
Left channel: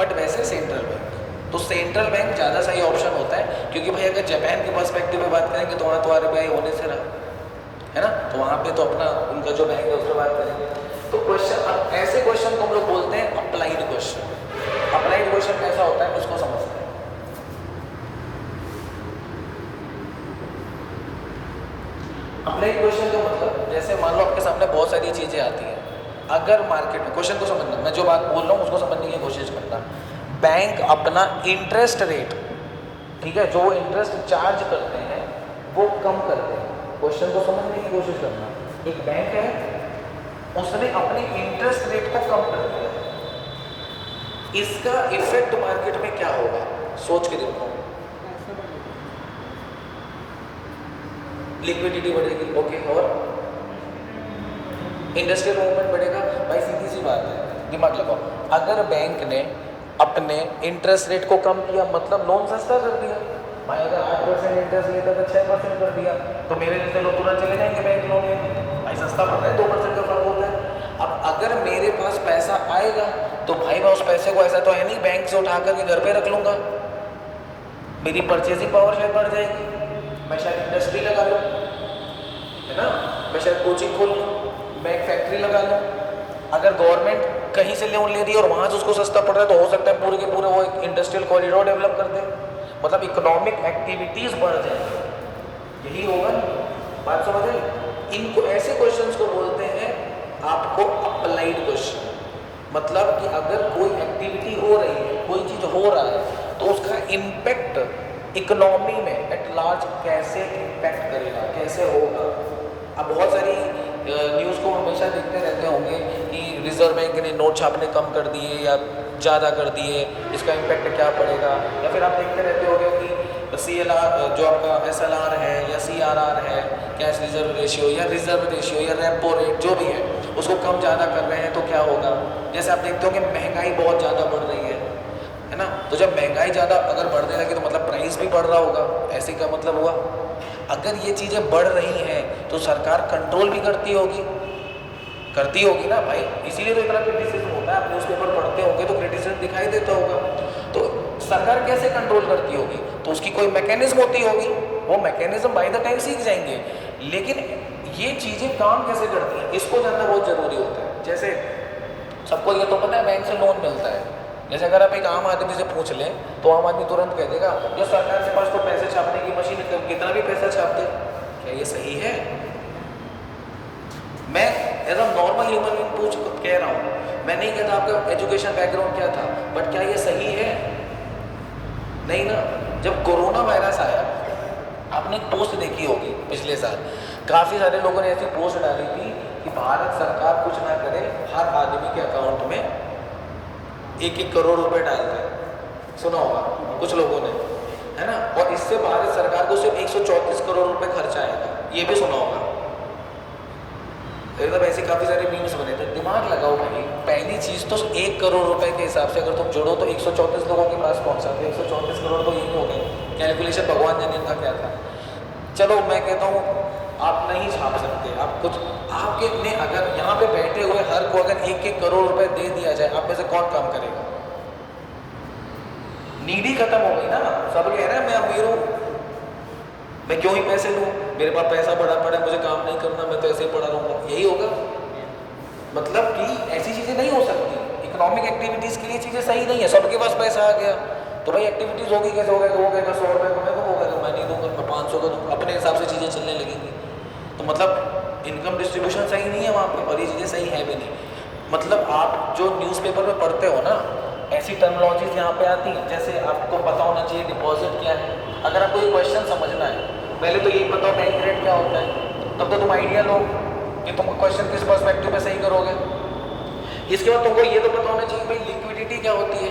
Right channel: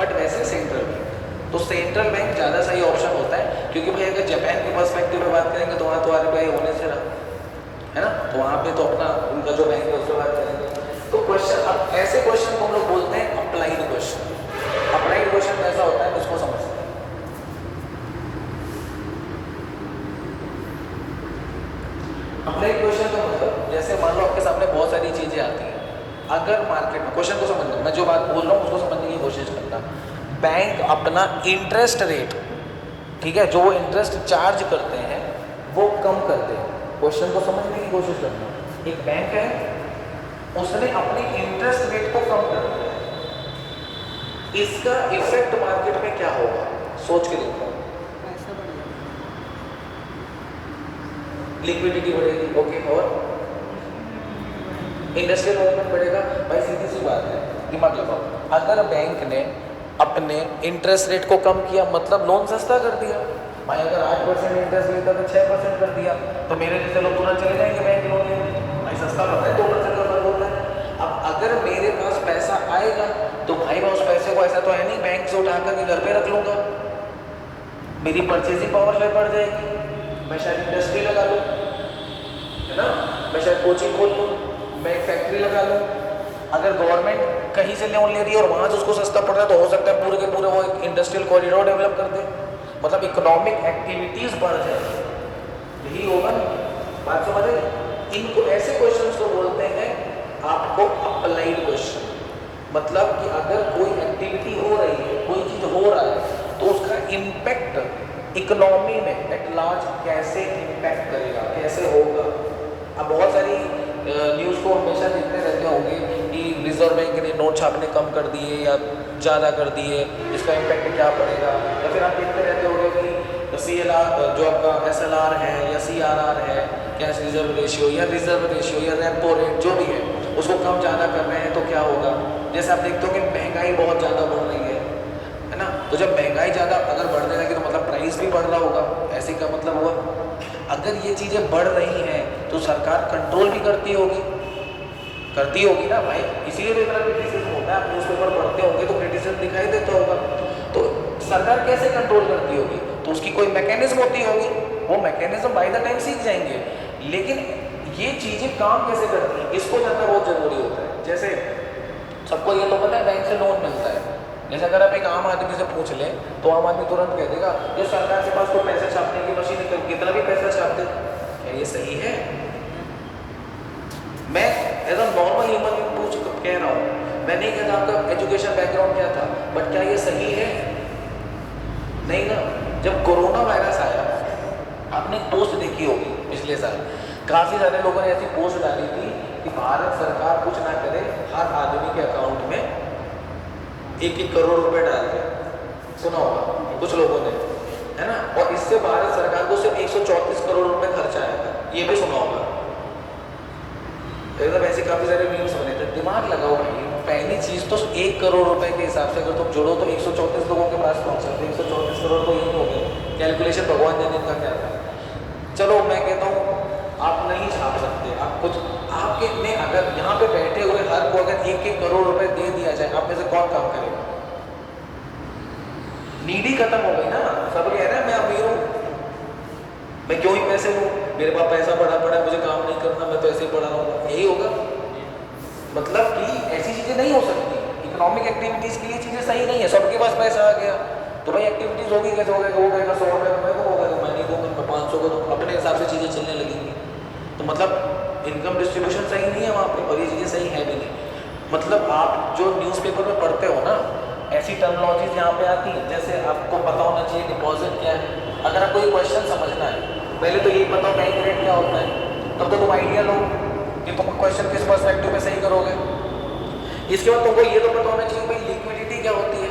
बट वैसे सेंट्रल बैंक। तो सेंट्रल बैंक ज़्यादा सही ऑप्शन होता है, क्योंकि भाई अगर जापान के पर्सपेक्टिव में बात करेंगे तो वहाँ तो आरबीआई होने से रहा है ना, तो वहाँ पे तो अपना उनका जो बैंक है उसमें बात करेंगे। तो क्वेश्चन, अब ऐसे क्वेश्चन को हम लोग बोलते हैं अप्लाइड क्वेश्चन। अप्लाइड क्वेश्चन कैसा होता है उसको समझते हैं। अप्लाइड क्वेश्चन का मतलब, जैसे मान लो आपके सामने बहुत सारी चीज़ें आती हैं, अगर मार्केट में, क्वेश्चन को समझना, मैं जो बात बोल रहा हूँ उसको समझने की कोशिश करना। बैंक अपना इंटरेस्ट रेट, ठीक है, जो इंटरेस्ट चार्ज करते हैं वो कम करते हैं। क्वेश्चन को समझने की कोशिश करना। एक बैंक है, उसने अपने इंटरेस्ट रेट को कम कर दिया, इसका इफेक्ट मार्केट में क्या होगा? सोच के देखो। लिक्विडिटी बढ़ेगी, ओके, और इंडस्ट्रियल मूवमेंट बढ़ेगा। भाई सीधी सी बात है, दिमाग लगाओ, अगर बैंक ने अपने इंटरेस्ट रेट को कम किया मतलब लोन सस्ता कर दिया। भाई अगर 8% इंटरेस्ट लेता तो 6% कर दिया, तो मेरे लिए चलो तुरंत चले जाएंगे बैंक लोन, भाई सस्ता कर रहा है, 2% का फर्क होता है। अब अगर मेरे पास पैसा आएगा तो भाई मैं उस पैसे को, ऐसा तो है नहीं बैंक से उठा करके घर पे रख लूँगा, मेरी परचेजिंग पावर में बढ़ जाएगी, मैं शायद इंडस्ट्री लगा लूँ, है ना, मैं शायद कोचिंग खोल लूँ, मैं एक फैक्ट्री लगा लूँ। अगर गवर्नमेंट कहीं से लोन ले रही है और वहाँ से उसको सस्ता पड़ रहा है तो हो सकता है पूरे के पूरे वो इंडस्ट्रियल कॉरिडोर डेवलप कर दे, मतलब इकोनॉमिक एक्टिविटीज़ बढ़ जाए। यही होगा, बात समझे? इनको ऐसे क्वेश्चंस को बोलते हैं आपको अप्लाइड क्वेश्चन, मतलब कि अगर कोई एक्टिविटी हो रही है, कोई चीज़ हो रहा है तो उसका इम्पैक्ट इकोनॉमी में एट लार्ज कैसे इम्पैक्ट करेगा, कैसे होगा। अब बहुत सारी न्यूज़ को हमेशा देखते रहते होंगे कि रिजर्व बैंक ने नोट छापने कम कर दिए या ज़्यादा कर दिए, इसका इम्पैक्ट क्या पड़ेगा। या फिर आप देखते रहते होंगे कि CLR जो आपका SLR है या CRR है, कैश रिजर्व रेशियो या रिजर्व रेशियो या रेपो रेट जो भी है उसको कम ज़्यादा कर रहे हैं तो क्या होगा। जैसे आप देखते हो कि महंगाई बहुत ज़्यादा बढ़ रही है ना, तो जब महंगाई ज़्यादा अगर बढ़ने लगी तो मतलब प्राइस भी बढ़ रहा होगा, ऐसे का मतलब हुआ। अगर ये चीज़ें बढ़ रही हैं तो सरकार कंट्रोल भी करती होगी ना भाई, इसीलिए तो इतना क्रिटिसिज्म होता है। आप न्यूज़पेपर पढ़ते होंगे तो क्रिटिसिज्म दिखाई देता होगा, तो सरकार कैसे कंट्रोल करती होगी, तो उसकी कोई मैकेनिज्म होती होगी, वो मैकेनिज्म बाय द टाइम सीख जाएंगे। लेकिन ये चीज़ें काम कैसे करती हैं इसको जानना बहुत ज़रूरी होता है। जैसे सबको ये तो पता है बैंक से लोन मिलता है, जैसे अगर आप एक आम आदमी से पूछ लें तो आम आदमी तुरंत कह देगा ये सरकार के पास तो पैसे छापने की मशीन है, कितना भी पैसा छाप दे। क्या ये सही है? मैं एज अ नॉर्मल ह्यूमन पूछ कह रहा हूँ, मैं नहीं कहता आपका एजुकेशन बैकग्राउंड क्या था, बट क्या ये सही है? नहीं ना। जब कोरोना वायरस आया, आपने पोस्ट देखी होगी पिछले साल, काफ़ी सारे लोगों ने ऐसी पोस्ट डाली थी कि भारत सरकार कुछ ना करे, हर आदमी के अकाउंट में 1-1 करोड़ रुपए डाल दे। सुना होगा कुछ लोगों ने, है ना, और इससे भारत सरकार को सिर्फ 134 करोड़ रुपए खर्चा आया था, ये भी सुना होगा। एकदम ऐसे काफ़ी सारे मीम्स बने थे। दिमाग लगाओ भाई, पहली चीज़ तो 1 करोड़ रुपए के हिसाब से अगर तुम जोड़ो तो 134 लोगों के पास पहुंचा, तो 134 करोड़ तो यही हो गए। कैलकुलेशन भगवान जाने का क्या था। चलो मैं कहता हूँ आप नहीं छाप सकते, आप कुछ आपके ने अगर यहाँ पे बैठे हुए हर को अगर 1-1 करोड़ रुपए दे दिया जाए, आप में से कौन काम करेगा? नीडी खत्म हो गई ना, सब कह रहे हैं मैं अमीर हूँ, मैं क्यों ही पैसे लूँ, मेरे पास पैसा पड़ा पड़ा, मुझे काम नहीं करना, मैं तो ऐसे ही पड़ा रहूँगा, यही होगा। मतलब कि ऐसी चीज़ें नहीं हो सकती। इकोनॉमिक एक्टिविटीज़ के लिए चीज़ें सही नहीं है। सबके पास पैसा आ गया तो भाई एक्टिविटीज़ होगी, कैसे होगा, 100 होगा तो मैं को होगा, मैं नहीं दूँगा, मैं 500 का दूँ, अपने हिसाब से चीज़ें चलने लगेंगी। तो मतलब इनकम डिस्ट्रीब्यूशन सही नहीं है वहाँ पर, और ये चीज़ें सही है भी नहीं। मतलब आप जो न्यूज़पेपर में पढ़ते हो ना, ऐसी टर्मिनोलॉजीज यहाँ पे आती हैं। जैसे आपको पता होना चाहिए डिपॉजिट क्या है। अगर आपको ये क्वेश्चन समझना है, पहले तो यही पता हो बैंक रेट क्या होता है, तब तो तुम आइडिया लो कि तुम क्वेश्चन किस पर्सपेक्टिव में सही करोगे। इसके बाद तुमको ये तो पता होना चाहिए भाई लिक्विडिटी क्या होती है।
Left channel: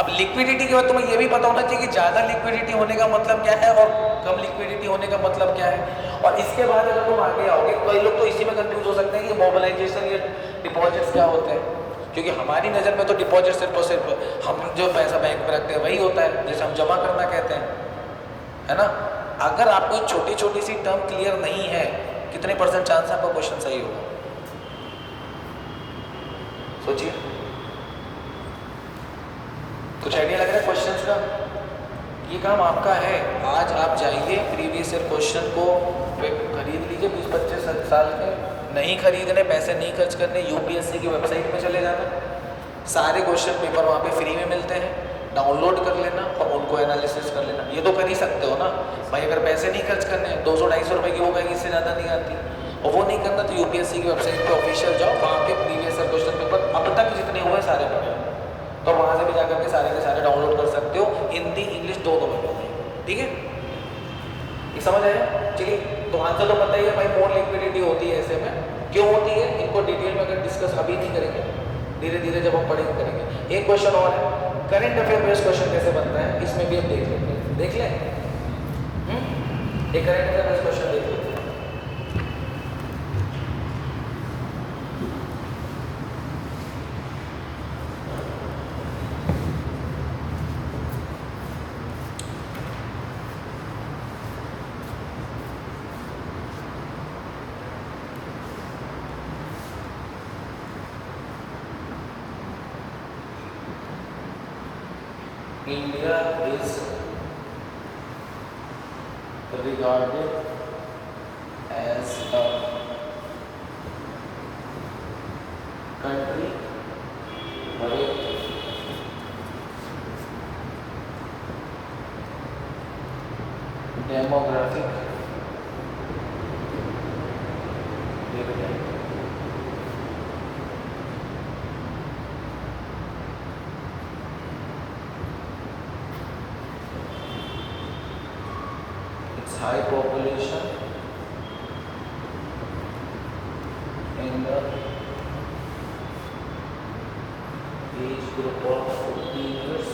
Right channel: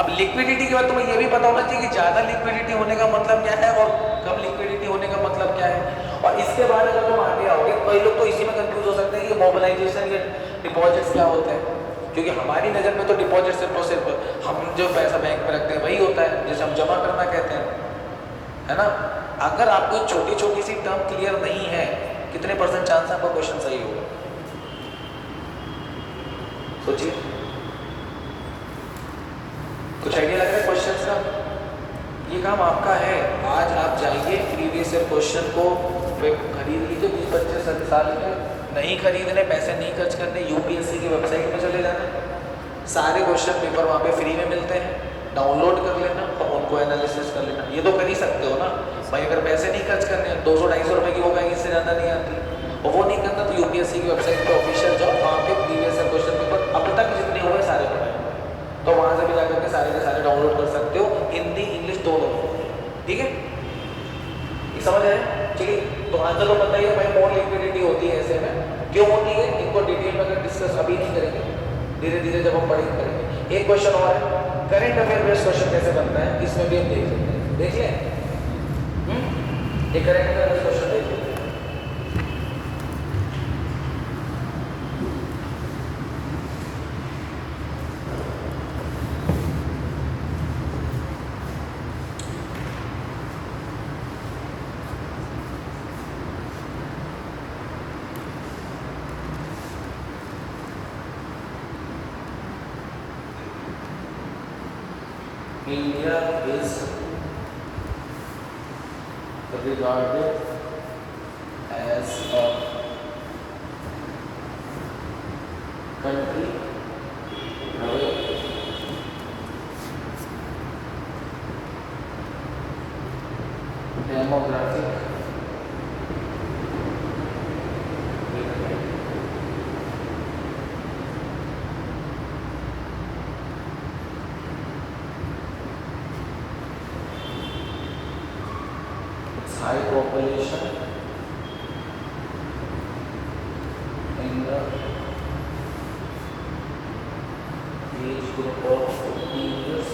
अब लिक्विडिटी के बाद तुम्हें ये भी पता होना चाहिए कि ज़्यादा लिक्विडिटी होने का मतलब क्या है और कम लिक्विडिटी होने का मतलब क्या है। और इसके बाद अगर तुम आगे आओगे, कई लोग तो इसी में कंफ्यूज हो सकते हैं कि मोबिलाइजेशन या डिपॉजिट्स क्या होता है, क्योंकि हमारी नज़र में तो डिपॉजिट सिर्फ हम जो पैसा बैंक में रखते हैं वही होता है, जैसे हम जमा करना कहते हैं, है ना। अगर आपको छोटी छोटी सी टर्म क्लियर नहीं है, कितने % चांस आपका क्वेश्चन सही होगा? सोचिए, कुछ आइडिया लग रहा है क्वेश्चन का? ये काम आपका है। आज आप जाइए प्रीवियस ईयर क्वेश्चन को खरीद लीजिए, 20-25 साल में नहीं खरीदने, पैसे नहीं खर्च करने, UPSC की वेबसाइट में चले जाना, सारे क्वेश्चन पेपर वहाँ पे फ्री में मिलते हैं, डाउनलोड कर लेना और उनको एनालिसिस कर लेना। ये तो कर ही सकते हो ना भाई। अगर पैसे नहीं खर्च करने, 200-250 रुपये की वो कहीं इससे ज़्यादा नहीं आती, और वो नहीं करना तो UPSC की वेबसाइट पर ऑफिशियल जाओ, वहाँ पे प्रीवियस ईयर क्वेश्चन पेपर अब तक जितने हुए सारे पेपर, तो वहाँ से भी जाकर के सारे डाउनलोड कर सकते हो, हिंदी इंग्लिश दोनों में। ठीक है, ये समझ आया? ठीक है, तो आंसर तो पता ही है भाई, मोर लिक्विडिटी होती है ऐसे में। क्यों होती है इनको डिटेल में अगर डिस्कस अभी नहीं करेंगे, धीरे धीरे जब हम पढ़ेंगे करेंगे। एक क्वेश्चन और है, करंट अफेयर बेस्ड क्वेश्चन कैसे बनता है, इसमें भी हम देख लेते हैं। देख लें, एक करंट अफेयर बेस्ड क्वेश्चन देख लेते हैं। India is regarded as a country where demographic high population in the age group of 15 years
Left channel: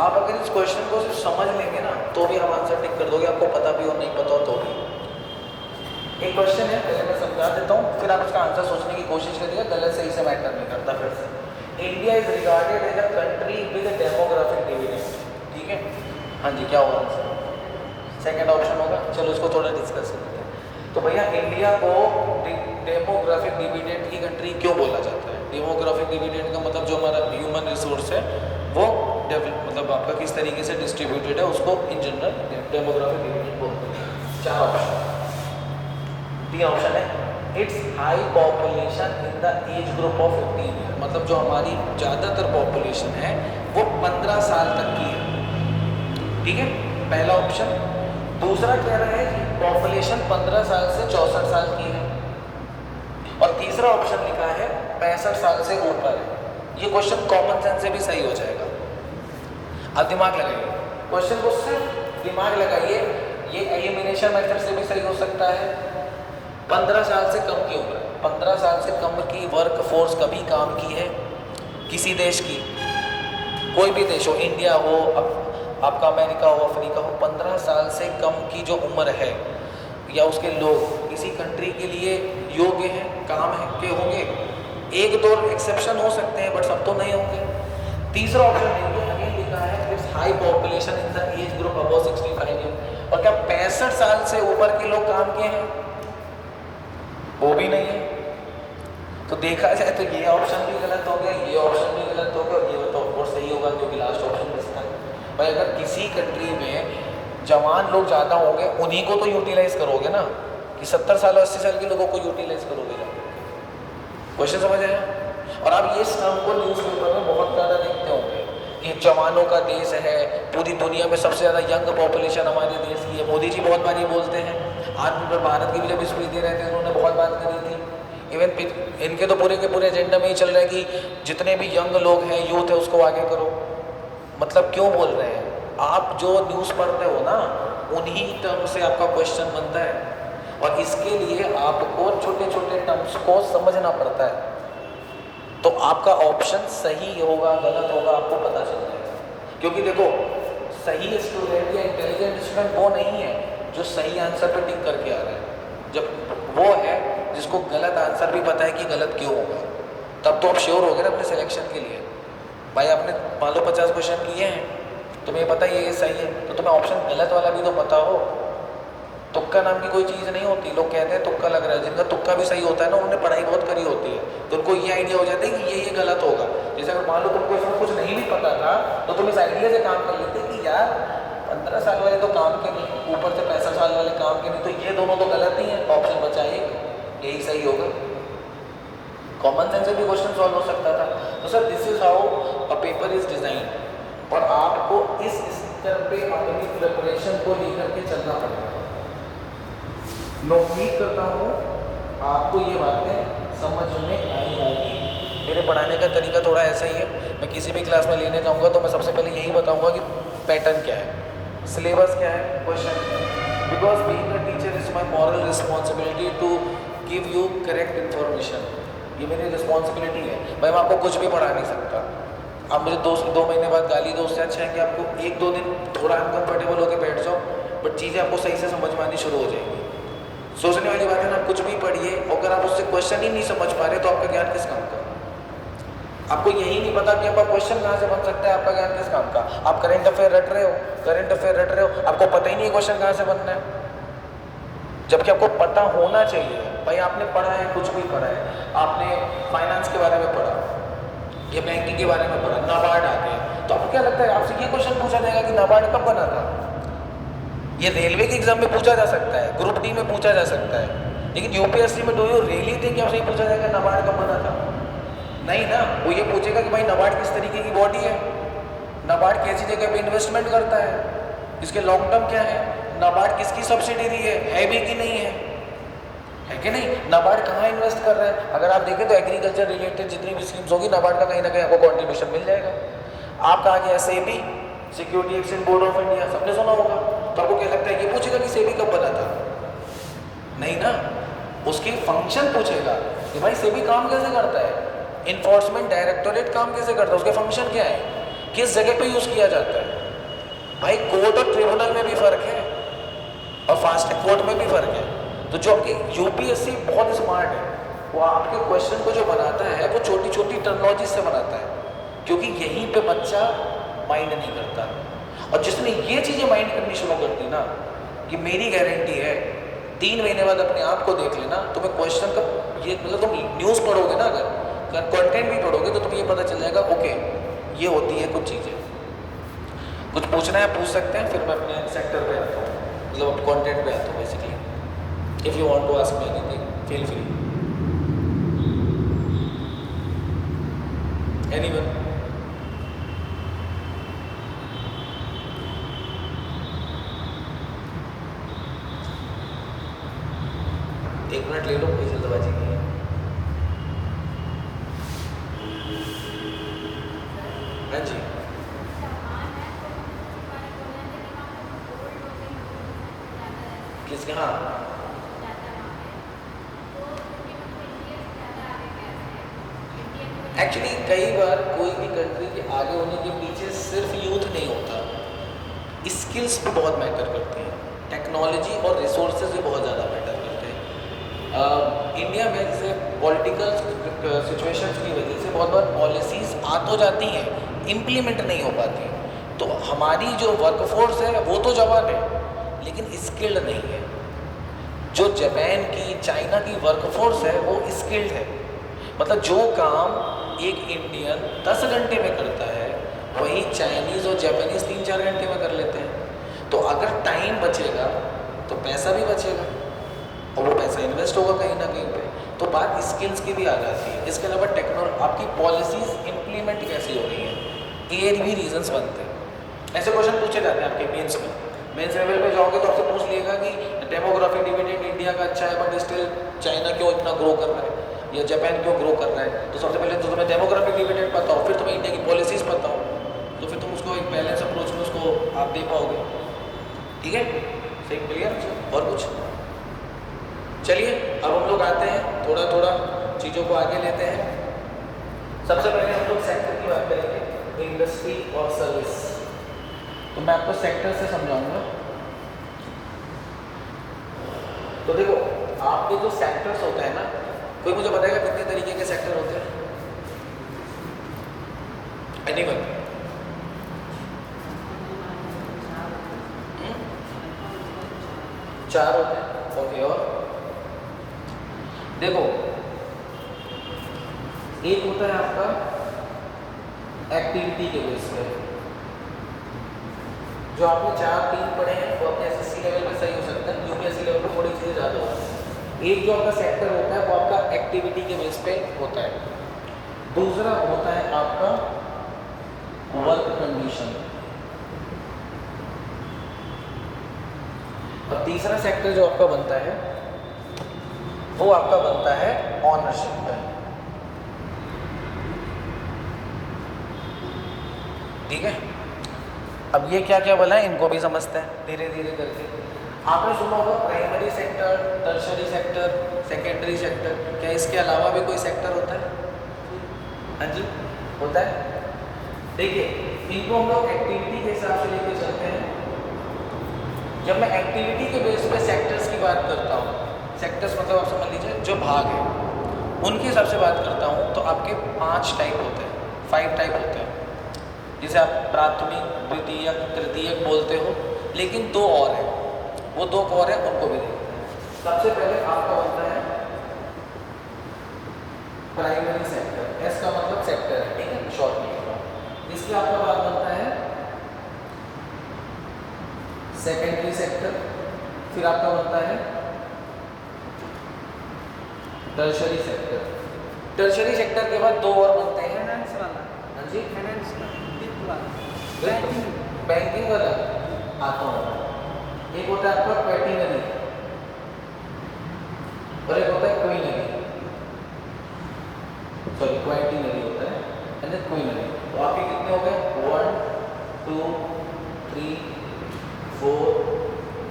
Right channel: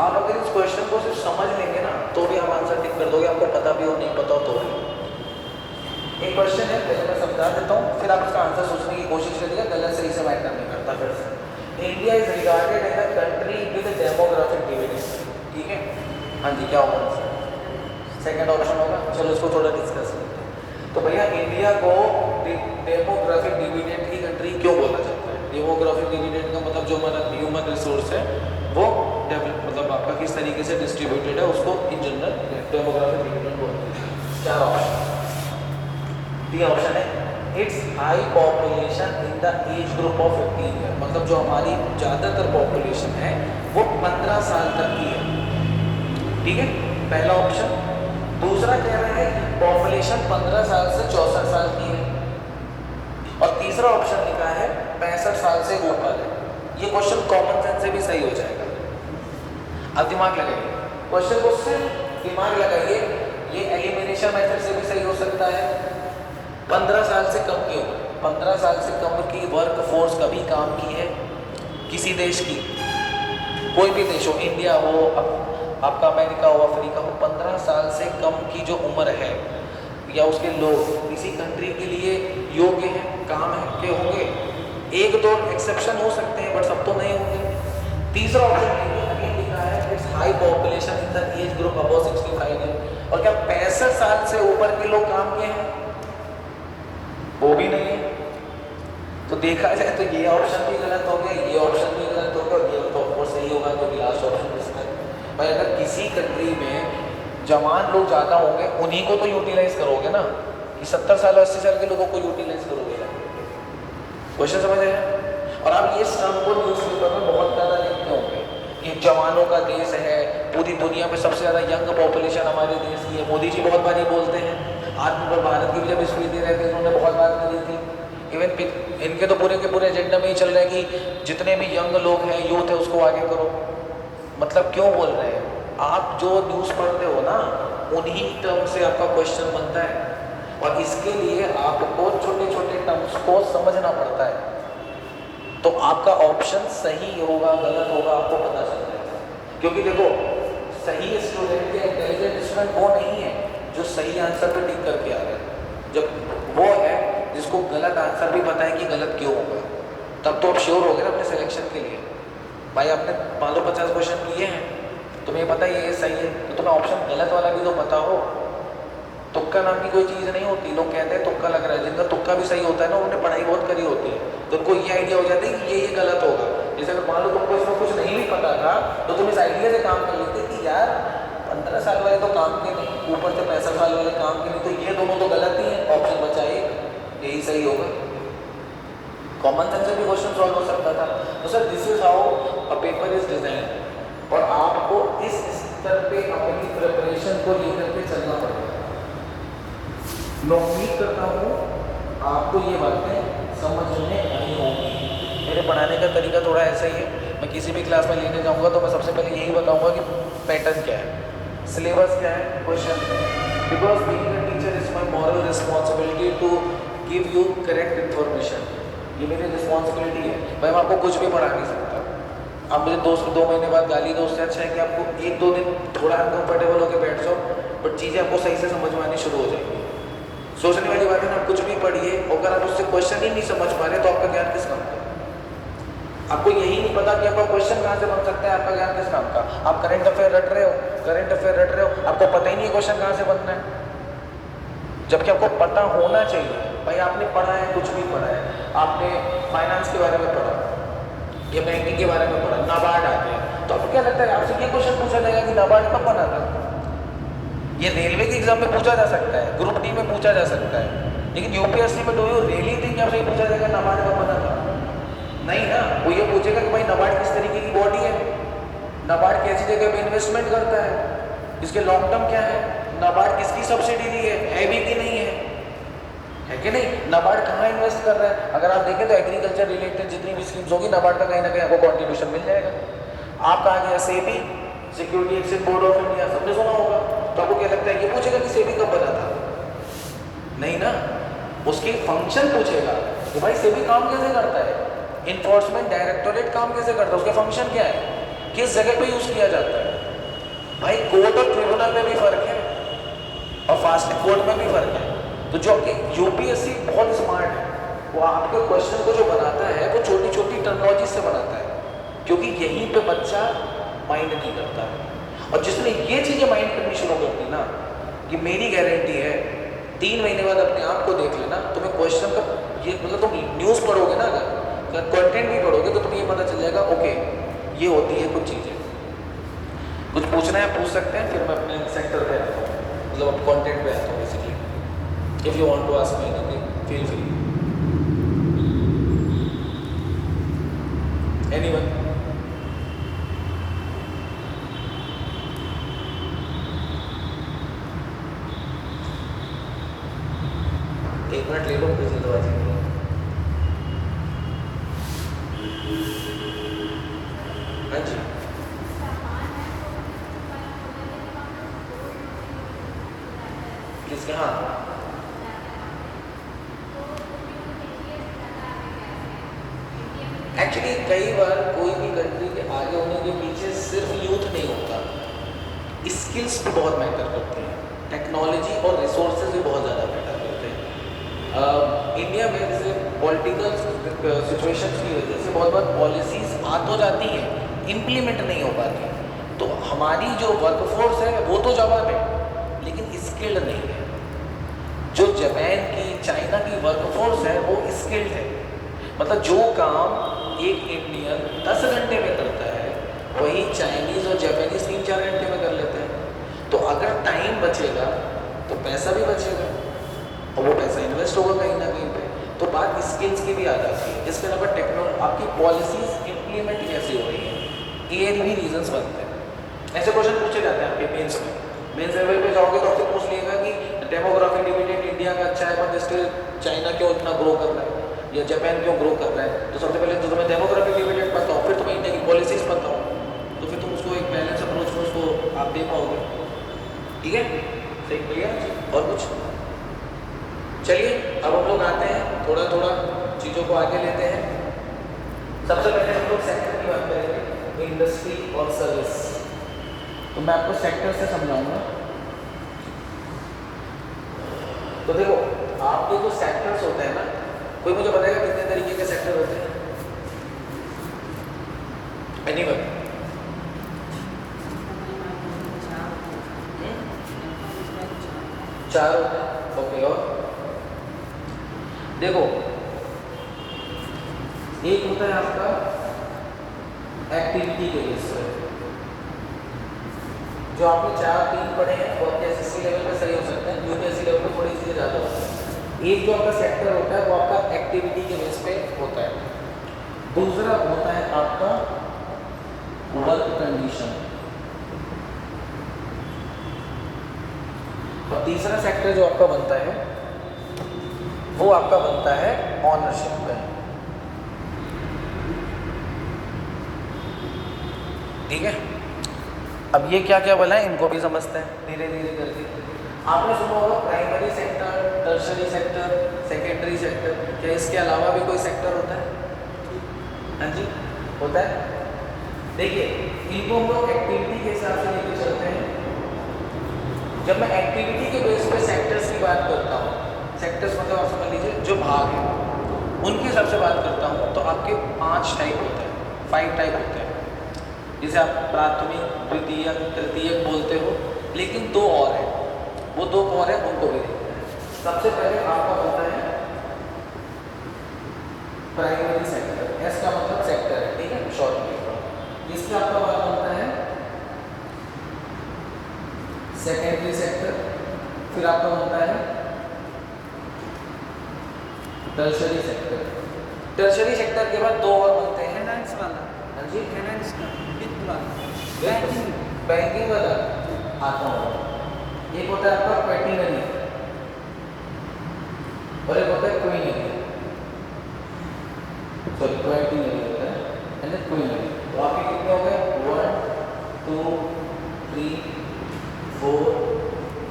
आप अगर इस क्वेश्चन को सिर्फ समझ लेंगे ना तो भी हम आंसर टिक कर दोगे, आपको पता भी हो नहीं पता हो तो भी। एक क्वेश्चन है, पहले मैं समझा देता हूँ, फिर आप उसका आंसर सोचने की कोशिश करिए, गलत सही से मैटर नहीं करता। फिर India is regarded as a country with demographic dividend, ठीक है? हाँ जी, क्या होगा आंसर? सेकेंड ऑप्शन होगा। चलो इसको थोड़ा डिस्कस करते हैं। तो भैया इंडिया को डेमोग्राफिक डिविडेंड की कंट्री क्यों बोला जाता है? डेमोग्राफिक डिविडेंड का मतलब जो हमारा ह्यूमन रिसोर्स है वो मतलब आपका किस तरीके से डिस्ट्रीब्यूटेड है उसको इन जनरल डेमोग्राफिक डिविडेंड बोलते हैं। क्या ऑप्शन? तीन ऑप्शन है। It's high population in the age group of 15 year, मतलब जो हमारी ज़्यादातर पॉपुलेशन है वो 15 साल तक की है, ठीक है? पहला ऑप्शन। दूसरा कह रहा है पॉपुलेशन 15 साल से 64 साल की है, और तीसरा ऑप्शन लिखा है 65 साल से ऊपर है। ये क्वेश्चन कॉमन सेंस से भी सही हो जाएगा। अब दिमाग लगाइए, क्वेश्चन को सिर्फ दिमाग लगाइए, ये एलिमिनेशन मेथड से भी सही हो सकता है। 15 साल से कम की उम्र, 15 साल से कम की वर्क फोर्स कभी काम की है किसी देश की? कोई भी देश हो, इंडिया हो, आपका अमेरिका हो, अफ्रीका हो, 15 साल से कम की जो उम्र है या उसके लोग किसी कंट्री के लिए योग्य है, काम है के होंगे। एक दो एक्सेप्शन हो सकते हैं बट सब तो नहीं होंगे। तीसरा ऑप्शन लिखा है it's high population in the age group above 65 year, और क्या 65 साल से ऊपर के लोग काम के हैं? वो भी नहीं है। तो देखा जाए तो ये ऑप्शन भी गलत हो गया, ये ऑप्शन भी गलत हो गया, ये तो ऑफकोर्स सही होगा क्योंकि लास्ट ऑप्शन बेस्ट है। भाई अगर किसी कंट्री में जवान लोग ज़्यादा होंगे उन्हीं को तो यूटिलाइज करोगे ना, कि 70 साल 80 साल के लोगों को यूटिलाइज करोगे ना। क्वेश्चन समझ आया? और आप ये शाम को न्यूज़पेपर में बहुत ज़्यादा देखते होंगे, ये जवानों का देश है, पूरी दुनिया में सबसे ज़्यादा यंग पॉपुलेशन हमारे देश की है। मोदी जी बहुत बार ये बोलते हैं, आत्मनिर्भर भारत की भी जब स्पीच दे रहे थे उन्होंने बहुत बात करी थी। इवन इनके तो पूरे के पूरे एजेंडा में ही चल रहा है कि जितने भी यंग लोग हैं, यूथ है, उसको आगे करो। मतलब क्यों बोल रहे हैं? आप जो न्यूज़ पढ़ते हो ना उन्हीं टर्म से आपका क्वेश्चन बनता है, और इसके लिए आपको छोटे छोटे टर्म्स को समझना पड़ता है। तो आपका ऑप्शन सही होगा गलत होगा आपको पता चल जाएगा। क्योंकि देखो, सही स्टूडेंट या इंटेलिजेंट स्टूडेंट वो नहीं है जो सही आंसर पे टिक करके आ रहा है, जब वो है जिसको गलत आंसर भी पता है कि गलत क्यों होगा। तब तो आप श्योर हो गए ना अपने सिलेक्शन के लिए। भाई आपने मान लो 50 क्वेश्चन किए हैं, तुम्हें पता है ये सही है, तो तुम्हें ऑप्शन गलत वाला भी तो पता हो। तुक्का नाम की कोई चीज़ नहीं होती। लोग कहते हैं तुक्का लग रहा है, जिनका तुक्का भी सही होता है ना उन्होंने पढ़ाई बहुत करी होती है, तो उनको ये आइडिया हो जाता है कि ये गलत होगा। जैसे अगर मान लो तुमको इसमें कुछ नहीं भी पता था तो तुम इस आइडिया से काम कर लेते कि यार 15 साल वाले तो काम के नहीं, ऊपर से 65 साल वाले काम के नहीं, तो ये दोनों तो गलत ही है, ऑप्शन बचा यही सही होगा। कॉमन सेंस से भी क्वेश्चन सॉल्व हो सकता था। तो sir this is how a paper is design, और आपको इस स्तर पे अपनी प्रिपरेशन को लेकर के चलना पड़ेगा। मैं उम्मीद करता हूँ आपको ये बातें समझ में आई होगी। मेरे पढ़ाने का तरीका थोड़ा ऐसा ही है। मैं किसी भी क्लास में लेने जाऊँगा तो मैं सबसे पहले यही बताऊँगा कि पैटर्न क्या है, सिलेबस क्या है, क्वेश्चन क्या है। Because being a teacher is my moral responsibility to give you correct information. ये मेरी रिस्पॉन्सिबिलिटी है भाई। मैं आपको कुछ भी पढ़ा नहीं सकता। आप मुझे 2 महीने बाद गाली दो, उससे अच्छा है कि आपको 1-2 दिन थोड़ा अनकंफर्टेबल होकर बैठ जाओ, बट चीज़ें आपको सही से समझ में आनी शुरू हो जाएंगी। सोचने वाली बात है ना, कुछ भी पढ़िए, अगर आप उससे क्वेश्चन ही नहीं समझ पा रहे तो आपका ज्ञान किस काम का? आपको यही नहीं पता कि आपका क्वेश्चन कहाँ से बन सकता है, आपका ज्ञान किस काम का? आप करंट अफेयर रट रहे हो, आपको पता ही नहीं है क्वेश्चन कहाँ से बनना है, जबकि आपको पता होना चाहिए। भाई आपने पढ़ा है, कुछ भी पढ़ा है, आपने फाइनेंस के बारे में पढ़ा या बैंकिंग के बारे में पढ़ा, नाबार्ड आते हैं, तो आपको क्या लगता है आपसे ये क्वेश्चन पूछा जाएगा कि नाबार्ड कब बना था? ये रेलवे के एग्जाम में पूछा जा सकता है, ग्रुप डी में पूछा जा सकता है, लेकिन यूपीएससी में डू यू रियली थिंक आपसे पूछा जाएगा नाबार्ड कब बना था? नहीं ना। वो ये पूछेगा कि भाई नाबार्ड किस तरीके की बॉडी है, नाबार्ड कैसी जगह पे इन्वेस्टमेंट करता है, इसके लॉन्ग टर्म क्या है, नाबार्ड किसकी सब्सिडी है भी कि नहीं है कि नहीं, नाबार्ड कहाँ इन्वेस्ट कर रहा है। अगर आप देखें तो एग्रीकल्चर रिलेटेड जितनी भी स्कीम्स होगी, नाबार्ड का कहीं ना कहीं आपको कॉन्ट्रीब्यूशन मिल जाएगा। आप कहा गया SEBI, security exchange board of India, सबने सुना होगा। तो आपको क्या लगता है ये पूछेगा कि सेबी कब बना था? नहीं ना। उसके फंक्शन पूछेगा कि भाई सेबी काम कैसे करता है, इन्फोर्समेंट डायरेक्टोरेट काम कैसे करता है, उसके फंक्शन क्या है, किस जगह पे यूज किया जाता है। भाई कोर्ट और ट्रिब्यूनल में भी फर्क है और फास्ट कोर्ट में भी फर्क है। तो जो आपके यूपीएससी बहुत स्मार्ट है, वो आपके क्वेश्चन को जो बनाता है वो छोटी छोटी टर्मिनोलॉजी से बनाता है, क्योंकि यहीं पे बच्चा माइंड नहीं करता। और जिसने ये चीज़ें माइंड करनी शुरू कर दी ना, कि मेरी गारंटी है 3 महीने बाद अपने आप को देख लेना, तुम्हें क्वेश्चन का ये मतलब तुम न्यूज़ पढ़ोगे ना, अगर कंटेंट भी पढ़ोगे तो तुम्हें ये पता चल जाएगा ओके ये होती है कुछ चीज़ें। कुछ पूछना है पूछ सकते हैं, फिर मैं अपने सेक्टर पे आता हूँ, मतलब कंटेंट पे आता हूँ basically. If you want to ask me anything feel free. Anyone? एक मिनट ले लो, कोई जल्दबाजी नहीं है। हाँ जी, किसके? हाँ, एक्चुअली कई बार कोई भी कंट्री के आगे होने के पीछे सिर्फ यूथ नहीं होता, स्किल्स भी बहुत मैटर करती हैं, टेक्नोलॉजी और रिसोर्सेज भी बहुत ज़्यादा मैटर करते हैं। इंडिया में जैसे पॉलिटिकल सिचुएशंस की वजह से बहुत बहुत पॉलिसीज़ आ तो जाती हैं, इम्प्लीमेंट नहीं हो पाती। तो हमारी जो वर्कफोर्स है वो तो जवान है, लेकिन स्किल्ड नहीं है। जो जापान की, चाइना की वर्कफोर्स है वो स्किल्ड है, मतलब जो काम एक इंडियन 10 घंटे में करता है वही चाइनीज़ और जापानीज़ 3-4 घंटे में कर लेते हैं। तो अगर टाइम बचेगा तो पैसा भी बचेगा और वो पैसा इन्वेस्ट होगा कहीं ना कहीं पे। तो बात स्किल्स की भी आ जाती है। इसके अलावा टेक्नोलॉजी, आपकी पॉलिसीज़ इम्प्लीमेंट कैसी हो रही है, ये भी रीजंस बनते हैं। ऐसे क्वेश्चन पूछे जाते हैं आपके मेंस में। मेंस लेवल पे जाओगे तो आपसे पूछ लिएगा कि डेमोग्राफिक डिविडेंड इंडिया का अच्छा है बट स्टिल चाइना क्यों इतना ग्रो कर रहा है या जापान क्यों ग्रो कर रहा है। तो सबसे पहले जो तुम्हें डेमोग्राफिक डिविडेंड पता हो, फिर तुम्हें इंडिया की पॉलिसीज़ पता हो, तो फिर तुम उसको एक बैलेंस अप्रोच में उसको आप दे पाओगे। ठीक है, सही क्लियर? और कुछ? चलिए अब हम लोग आते हैं, थोड़ा थोड़ा चीज़ों को आगे लेते हैं। सबसे पहले हम लोग सेक्टर की बात करेंगे, तो इंडस्ट्री और सर्विस। तो मैं आपको सेक्टर से समझाऊंगा। तो देखो, आपके जो सेक्टर्स होते हैं ना, कोई मुझे बताएगा कितने तरीके के सेक्टर होते हैं? एनीवन? चार होते हैं। ओके, और देखो, एक होता है आपका एक्टिविटी के बेस पर। जो आपने 4-3 पढ़े हैं वो अपने एसएससी लेवल पे सही हो सकते हैं, यूपीएससी लेवल पे थोड़ी चीज़ें ज़्यादा होती है। एक जो आपका सेक्टर होता है वो आपका एक्टिविटी के बेस पे होता है। दूसरा होता है आपका वर्क कंडीशन। और तीसरा सेक्टर जो आपका बनता है वो आपका बनता है ऑनरशिप पे। ठीक है, अब ये क्या क्या बोला है इनको भी समझते हैं धीरे धीरे करके। आपने सुना होगा primary sector, tertiary sector, secondary sector, क्या इसके अलावा भी कोई सेक्टर होता है? हाँ जी होता है। देखिए इनको हम लोग एक्टिविटी के हिसाब से लेकर चलते हैं। जब मैं एक्टिविटी के बेस पे सेक्टर्स की बात करता हूँ, सेक्टर्स मतलब आप समझ लीजिए जो भाग हैं उनके हिसाब से बात करता हूँ, तो आपके 5 टाइप होते हैं, 5 टाइप होते हैं। जिसे आप प्राथमिक, द्वितीयक, तृतीयक बोलते हो, लेकिन 2 और हैं, वो 2 और हैं उनको भी देखते हैं। सबसे पहले आपका बनता है प्राइमरी सेक्टर, एस का मतलब सेक्टर है, ठीक है, शॉर्ट में। इसके आपका बाद बनता है सेकेंडरी सेक्टर, फिर आपका बनता है टर्शरी सेक्टर। टर्शरी सेक्टर के बाद 2 और बनते हैं फाइनेंस वाला, हाँ जी फाइनेंस का वित्त वाला, बैंकिंग वाला आता है। एक होता है आपका क्वेटिनरी और एक होता है क्वीनरी, सॉरी क्वेटिनरी होता है एंड देन क्वीनरी। तो आपके कितने हो गए? 1 2 3 4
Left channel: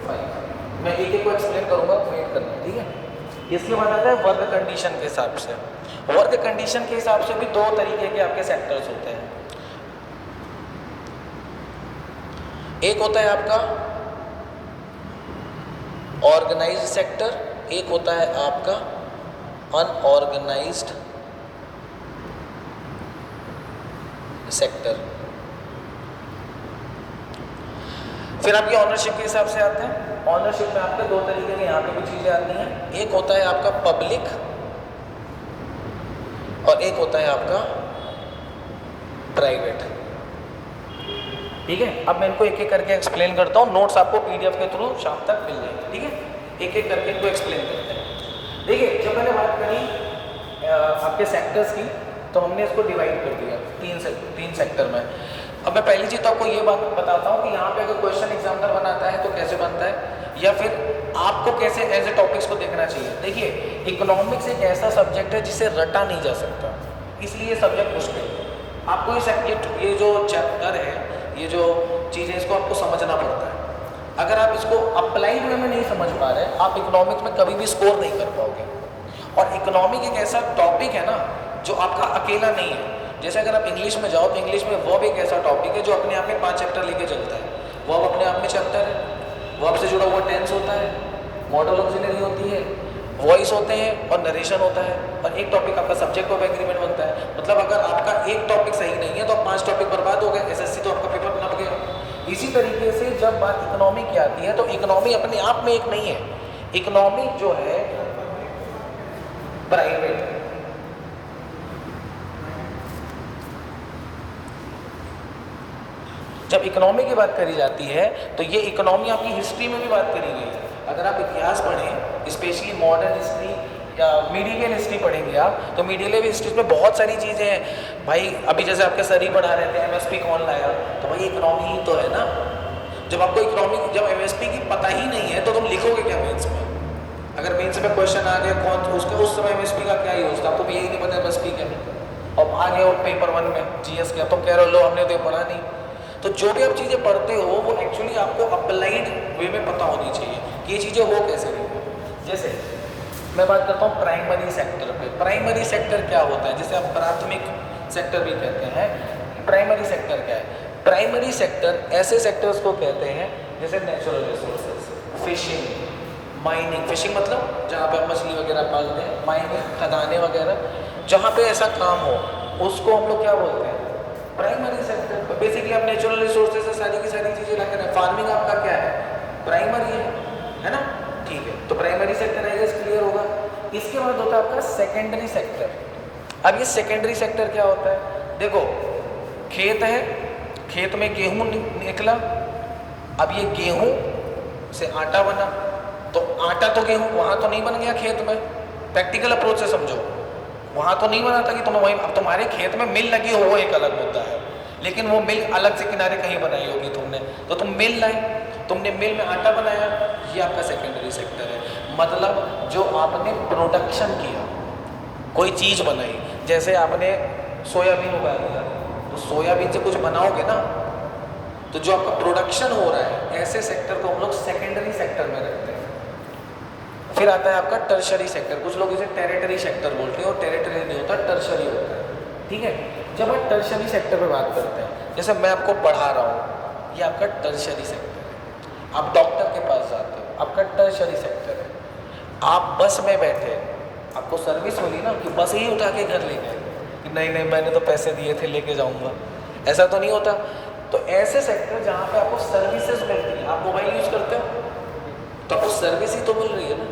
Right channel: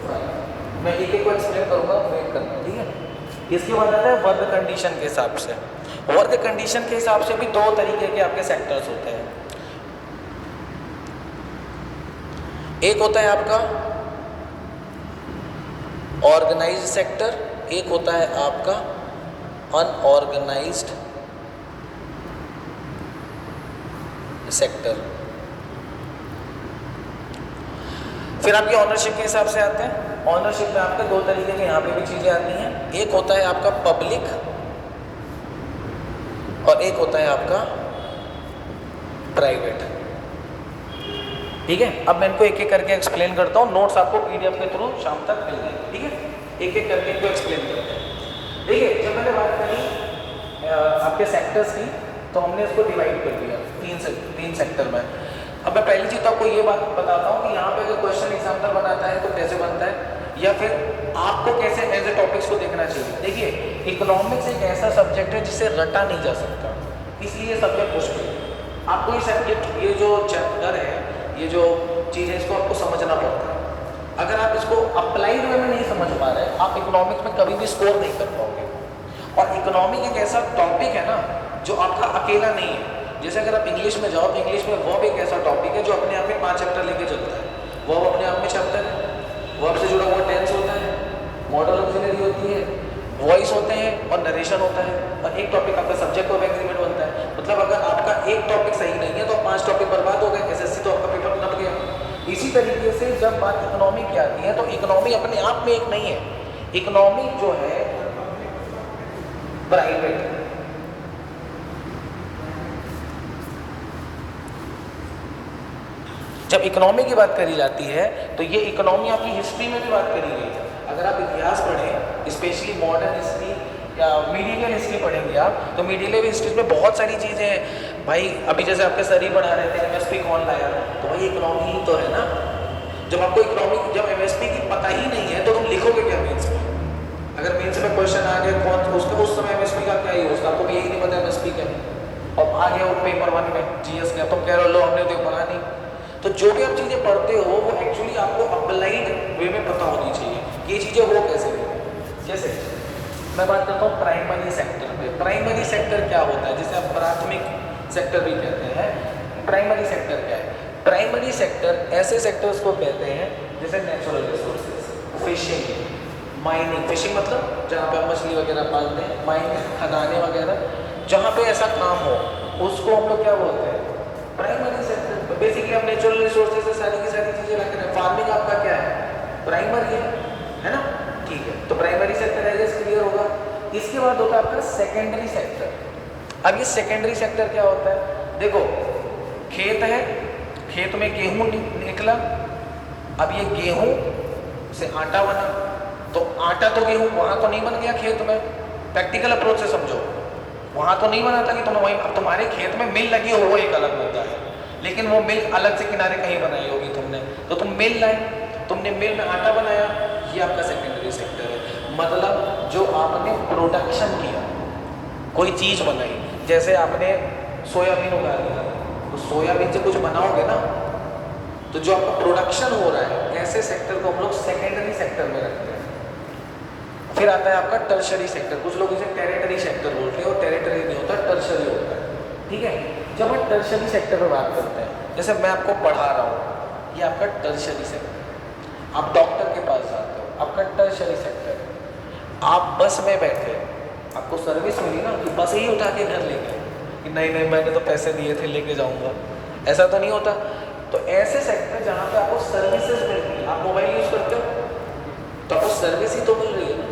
5। मैं एक एक को एक्सप्लेन करूंगा, वेट करना, ठीक है। इसके बाद आता है वर्ग कंडीशन के हिसाब से। वर्ग कंडीशन के हिसाब से भी 2 तरीके के आपके सेक्टर्स होते हैं। एक होता है आपका ऑर्गेनाइज्ड सेक्टर, एक होता है आपका अनऑर्गेनाइज्ड सेक्टर। फिर आपकी ऑनरशिप के हिसाब से आते हैं। ऑनरशिप में आपके 2 तरीके के यहाँ पे भी चीजें आती हैं। एक होता है आपका पब्लिक और एक होता है आपका प्राइवेट। ठीक है, अब मैं इनको एक एक करके एक्सप्लेन करता हूँ। नोट्स आपको पीडीएफ के थ्रू शाम तक मिल जाएंगे, ठीक है। एक एक करके इनको एक्सप्लेन करते हैं। देखिए जब मैंने बात करी आपके सेक्टर्स की, तो हमने इसको डिवाइड कर दिया 3 सेक्टर में। अब मैं पहली चीज़ आपको ये बात बताता हूँ कि यहाँ पे अगर क्वेश्चन एग्जामिनर बनाता है तो कैसे बनता है, या फिर आपको कैसे एज ए टॉपिक्स को देखना चाहिए। देखिए इकोनॉमिक्स एक ऐसा सब्जेक्ट है जिसे रटा नहीं जा सकता, इसलिए सब्जेक्ट मुश्किल। आपको ये सब्जेक्ट, ये जो चैप्टर है, ये जो चीज़ है, इसको आपको समझना पड़ता है। अगर आप इसको अप्लाइड वे में नहीं समझ पा रहे, आप इकोनॉमिक्स में कभी भी स्कोर नहीं कर पाओगे। और इकोनॉमिक एक ऐसा टॉपिक है ना जो आपका अकेला नहीं है। जैसे अगर आप इंग्लिश में जाओ तो इंग्लिश में वर्ब एक ऐसा टॉपिक है जो अपने आप में 5 चैप्टर लेके चलता है। वर्ब अपने आप में चैप्टर है, वर्ब से जुड़ा हुआ टेंस होता है, मॉडल ऑक्सिलरी होती है, वॉइस होते हैं और नरेशन होता है, और एक टॉपिक आपका सब्जेक्ट ऑफ एग्रीमेंट बनता है। मतलब अगर आपका एक टॉपिक सही नहीं है तो 5 टॉपिक बर्बाद हो गए, एसएससी तो आपका पेपर बना गया। इसी तरीके से जब बात इकोनॉमी की आती है तो इकोनॉमी अपने आप में एक नहीं है। इकोनॉमी जो है प्राइवेट, जब इकोनॉमी की बात करी जाती है तो ये इकोनॉमी आपकी हिस्ट्री में भी बात करी गई है। अगर आप इतिहास पढ़ें, स्पेशली मॉडर्न हिस्ट्री या मीडियल हिस्ट्री पढ़ेंगे आप, तो मीडियल हिस्ट्री में बहुत सारी चीज़ें हैं भाई। अभी जैसे आपके सर ही पढ़ा रहे थे एमएसपी कौन लाया, तो भाई इकोनॉमी ही तो है ना। जब आपको इकोनॉमी, जब एमएसपी की पता ही नहीं है तो तुम लिखोगे क्या मेंस में? अगर मेंस में क्वेश्चन आ गया कौन, तो उसका उस समय एमएसपी का क्या यूज था, तो यही नहीं पता एमएसपी क्या। अब आ गया पेपर 1 में जीएस का, तो कह रहे लो हमने तो पढ़ा नहीं। तो जो भी आप चीज़ें पढ़ते हो वो एक्चुअली आपको अप्लाइड वे में पता होनी चाहिए कि ये चीज़ें हो कैसे नहीं। जैसे मैं बात करता हूँ प्राइमरी सेक्टर पे। प्राइमरी सेक्टर क्या होता है, जिसे आप प्राथमिक सेक्टर भी कहते हैं। प्राइमरी सेक्टर क्या है? प्राइमरी सेक्टर ऐसे सेक्टर्स को कहते हैं जैसे natural resources, fishing, mining. Fishing मतलब जहाँ पे मछली वगैरह पालते हैं, माइनिंग खदानें वगैरह, जहाँ पे ऐसा काम हो उसको हम लोग क्या बोलते हैं? Primary sector. बेसिकली आप नेचुरल रिसोर्सेज से सारी की सारी चीज़ें रख रहे हैं। फार्मिंग आपका क्या है? प्राइमरी है ना, ठीक है। तो प्राइमरी सेक्टर है, क्लियर होगा। इसके बाद होता है आपका सेकेंडरी सेक्टर। अब ये सेकेंडरी सेक्टर क्या होता है? देखो खेत है, खेत में गेहूं निकला, अब ये गेहूं से आटा बना, तो आटा तो गेहूं वहाँ तो नहीं बन गया खेत में। प्रैक्टिकल अप्रोच से समझो, वहाँ तो नहीं बना था कि तुम वहीं, तुम्हारे खेत में मिल लगी हो वो एक अलग मुद्दा है, लेकिन वो मिल अलग से किनारे कहीं बनाई होगी तुमने, तो तुम मिल लाए, तुमने मिल में आटा बनाया, ये आपका सेकेंडरी सेक्टर है। मतलब जो आपने प्रोडक्शन किया, कोई चीज़ बनाई, जैसे आपने सोयाबीन उगा लिया, तो सोयाबीन से कुछ बनाओगे ना, तो जो आपका प्रोडक्शन हो रहा है, ऐसे सेक्टर को हम लोग सेकेंडरी सेक्टर में रखते हैं। फिर आता है आपका टर्शरी सेक्टर, कुछ लोग इसे टेरिटरी सेक्टर बोलते हैं, और टेरिटरी नहीं होता, टर्शरी होता है। ठीक है, जब हम टर्शरी सेक्टर में बात करते हैं, जैसे मैं आपको पढ़ा रहा हूँ, ये आपका टर्शरी सेक्टर है। आप डॉक्टर के पास जाते हो, आपका टर्शरी सेक्टर है। आप बस में बैठे, आपको सर्विस मिली ना कि बस ही उठा के घर ले गए, कि नहीं नहीं मैंने तो पैसे दिए थे लेके जाऊँगा, ऐसा तो नहीं होता। तो ऐसे सेक्टर जहाँ पे आपको सर्विसेज मिलती है, आप मोबाइल यूज़ करते हो तो आपको सर्विस ही तो मिल रही है ना,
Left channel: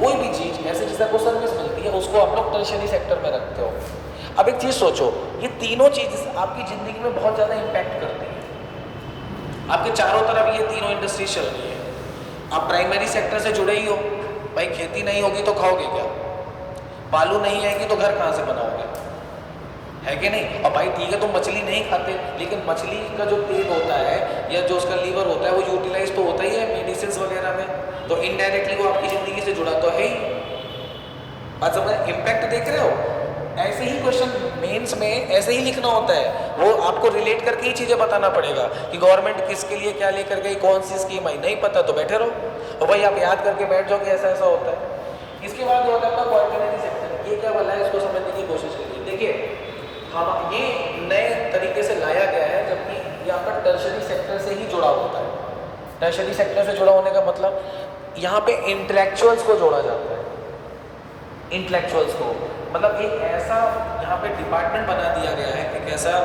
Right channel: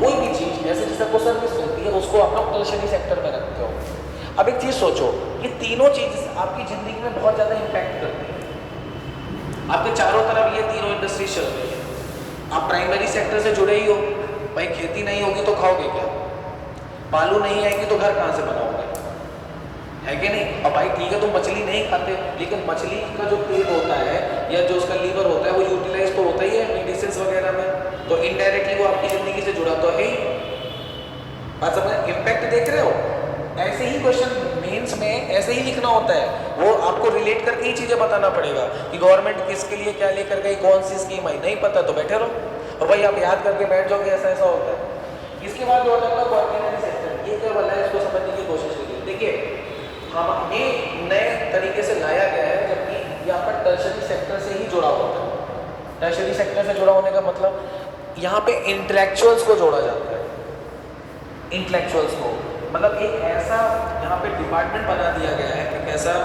कोई भी चीज़ ऐसे जिससे आपको सर्विस मिलती है, उसको आप टर्शरी सेक्टर में रखते हो। अब एक चीज़ सोचो, ये तीनों चीज़ आपकी ज़िंदगी में बहुत ज़्यादा इम्पैक्ट करती है। आपके चारों तरफ ये तीनों इंडस्ट्री चल रही है। आप प्राइमरी सेक्टर से जुड़े ही हो, भाई खेती नहीं होगी तो खाओगे क्या, बालू नहीं आएगी तो घर कहाँ से बनाओगे, है कि नहीं। अब भाई ठीक है तुम मछली नहीं खाते, लेकिन मछली का जो तेल होता है या जो उसका लीवर होता है वो यूटिलाइज तो होता ही है मेडिसिन वगैरह में, तो इनडायरेक्टली वो आपकी ज़िंदगी से जुड़ा तो है ही। बात समझ, इम्पैक्ट देख रहे हो। ऐसे ही क्वेश्चन मेंस में ऐसे ही लिखना होता है, वो आपको रिलेट करके ही चीज़ें बताना पड़ेगा कि गवर्नमेंट किसके लिए क्या लेकर गई, कौन सी स्कीम आई। नहीं पता तो बैठे रहो, तो भाई आप याद करके बैठ जाओ कि ऐसा ऐसा होता है। इसके बाद जो होता है कोऑर्डिनेटरी सेक्टर, ये क्या बोला है, इसको समझने की कोशिश कीजिए। देखिए हाँ, ये नए तरीके से लाया गया है, जबकि ये आपका टर्शरी सेक्टर से ही जुड़ा होता है। टर्शरी सेक्टर से जुड़ा होने का मतलब यहाँ पे इंटेलेक्चुअल्स को जोड़ा जाता है। इंटेलेक्चुअल्स को मतलब एक ऐसा यहाँ पे डिपार्टमेंट बना दिया गया है, एक ऐसा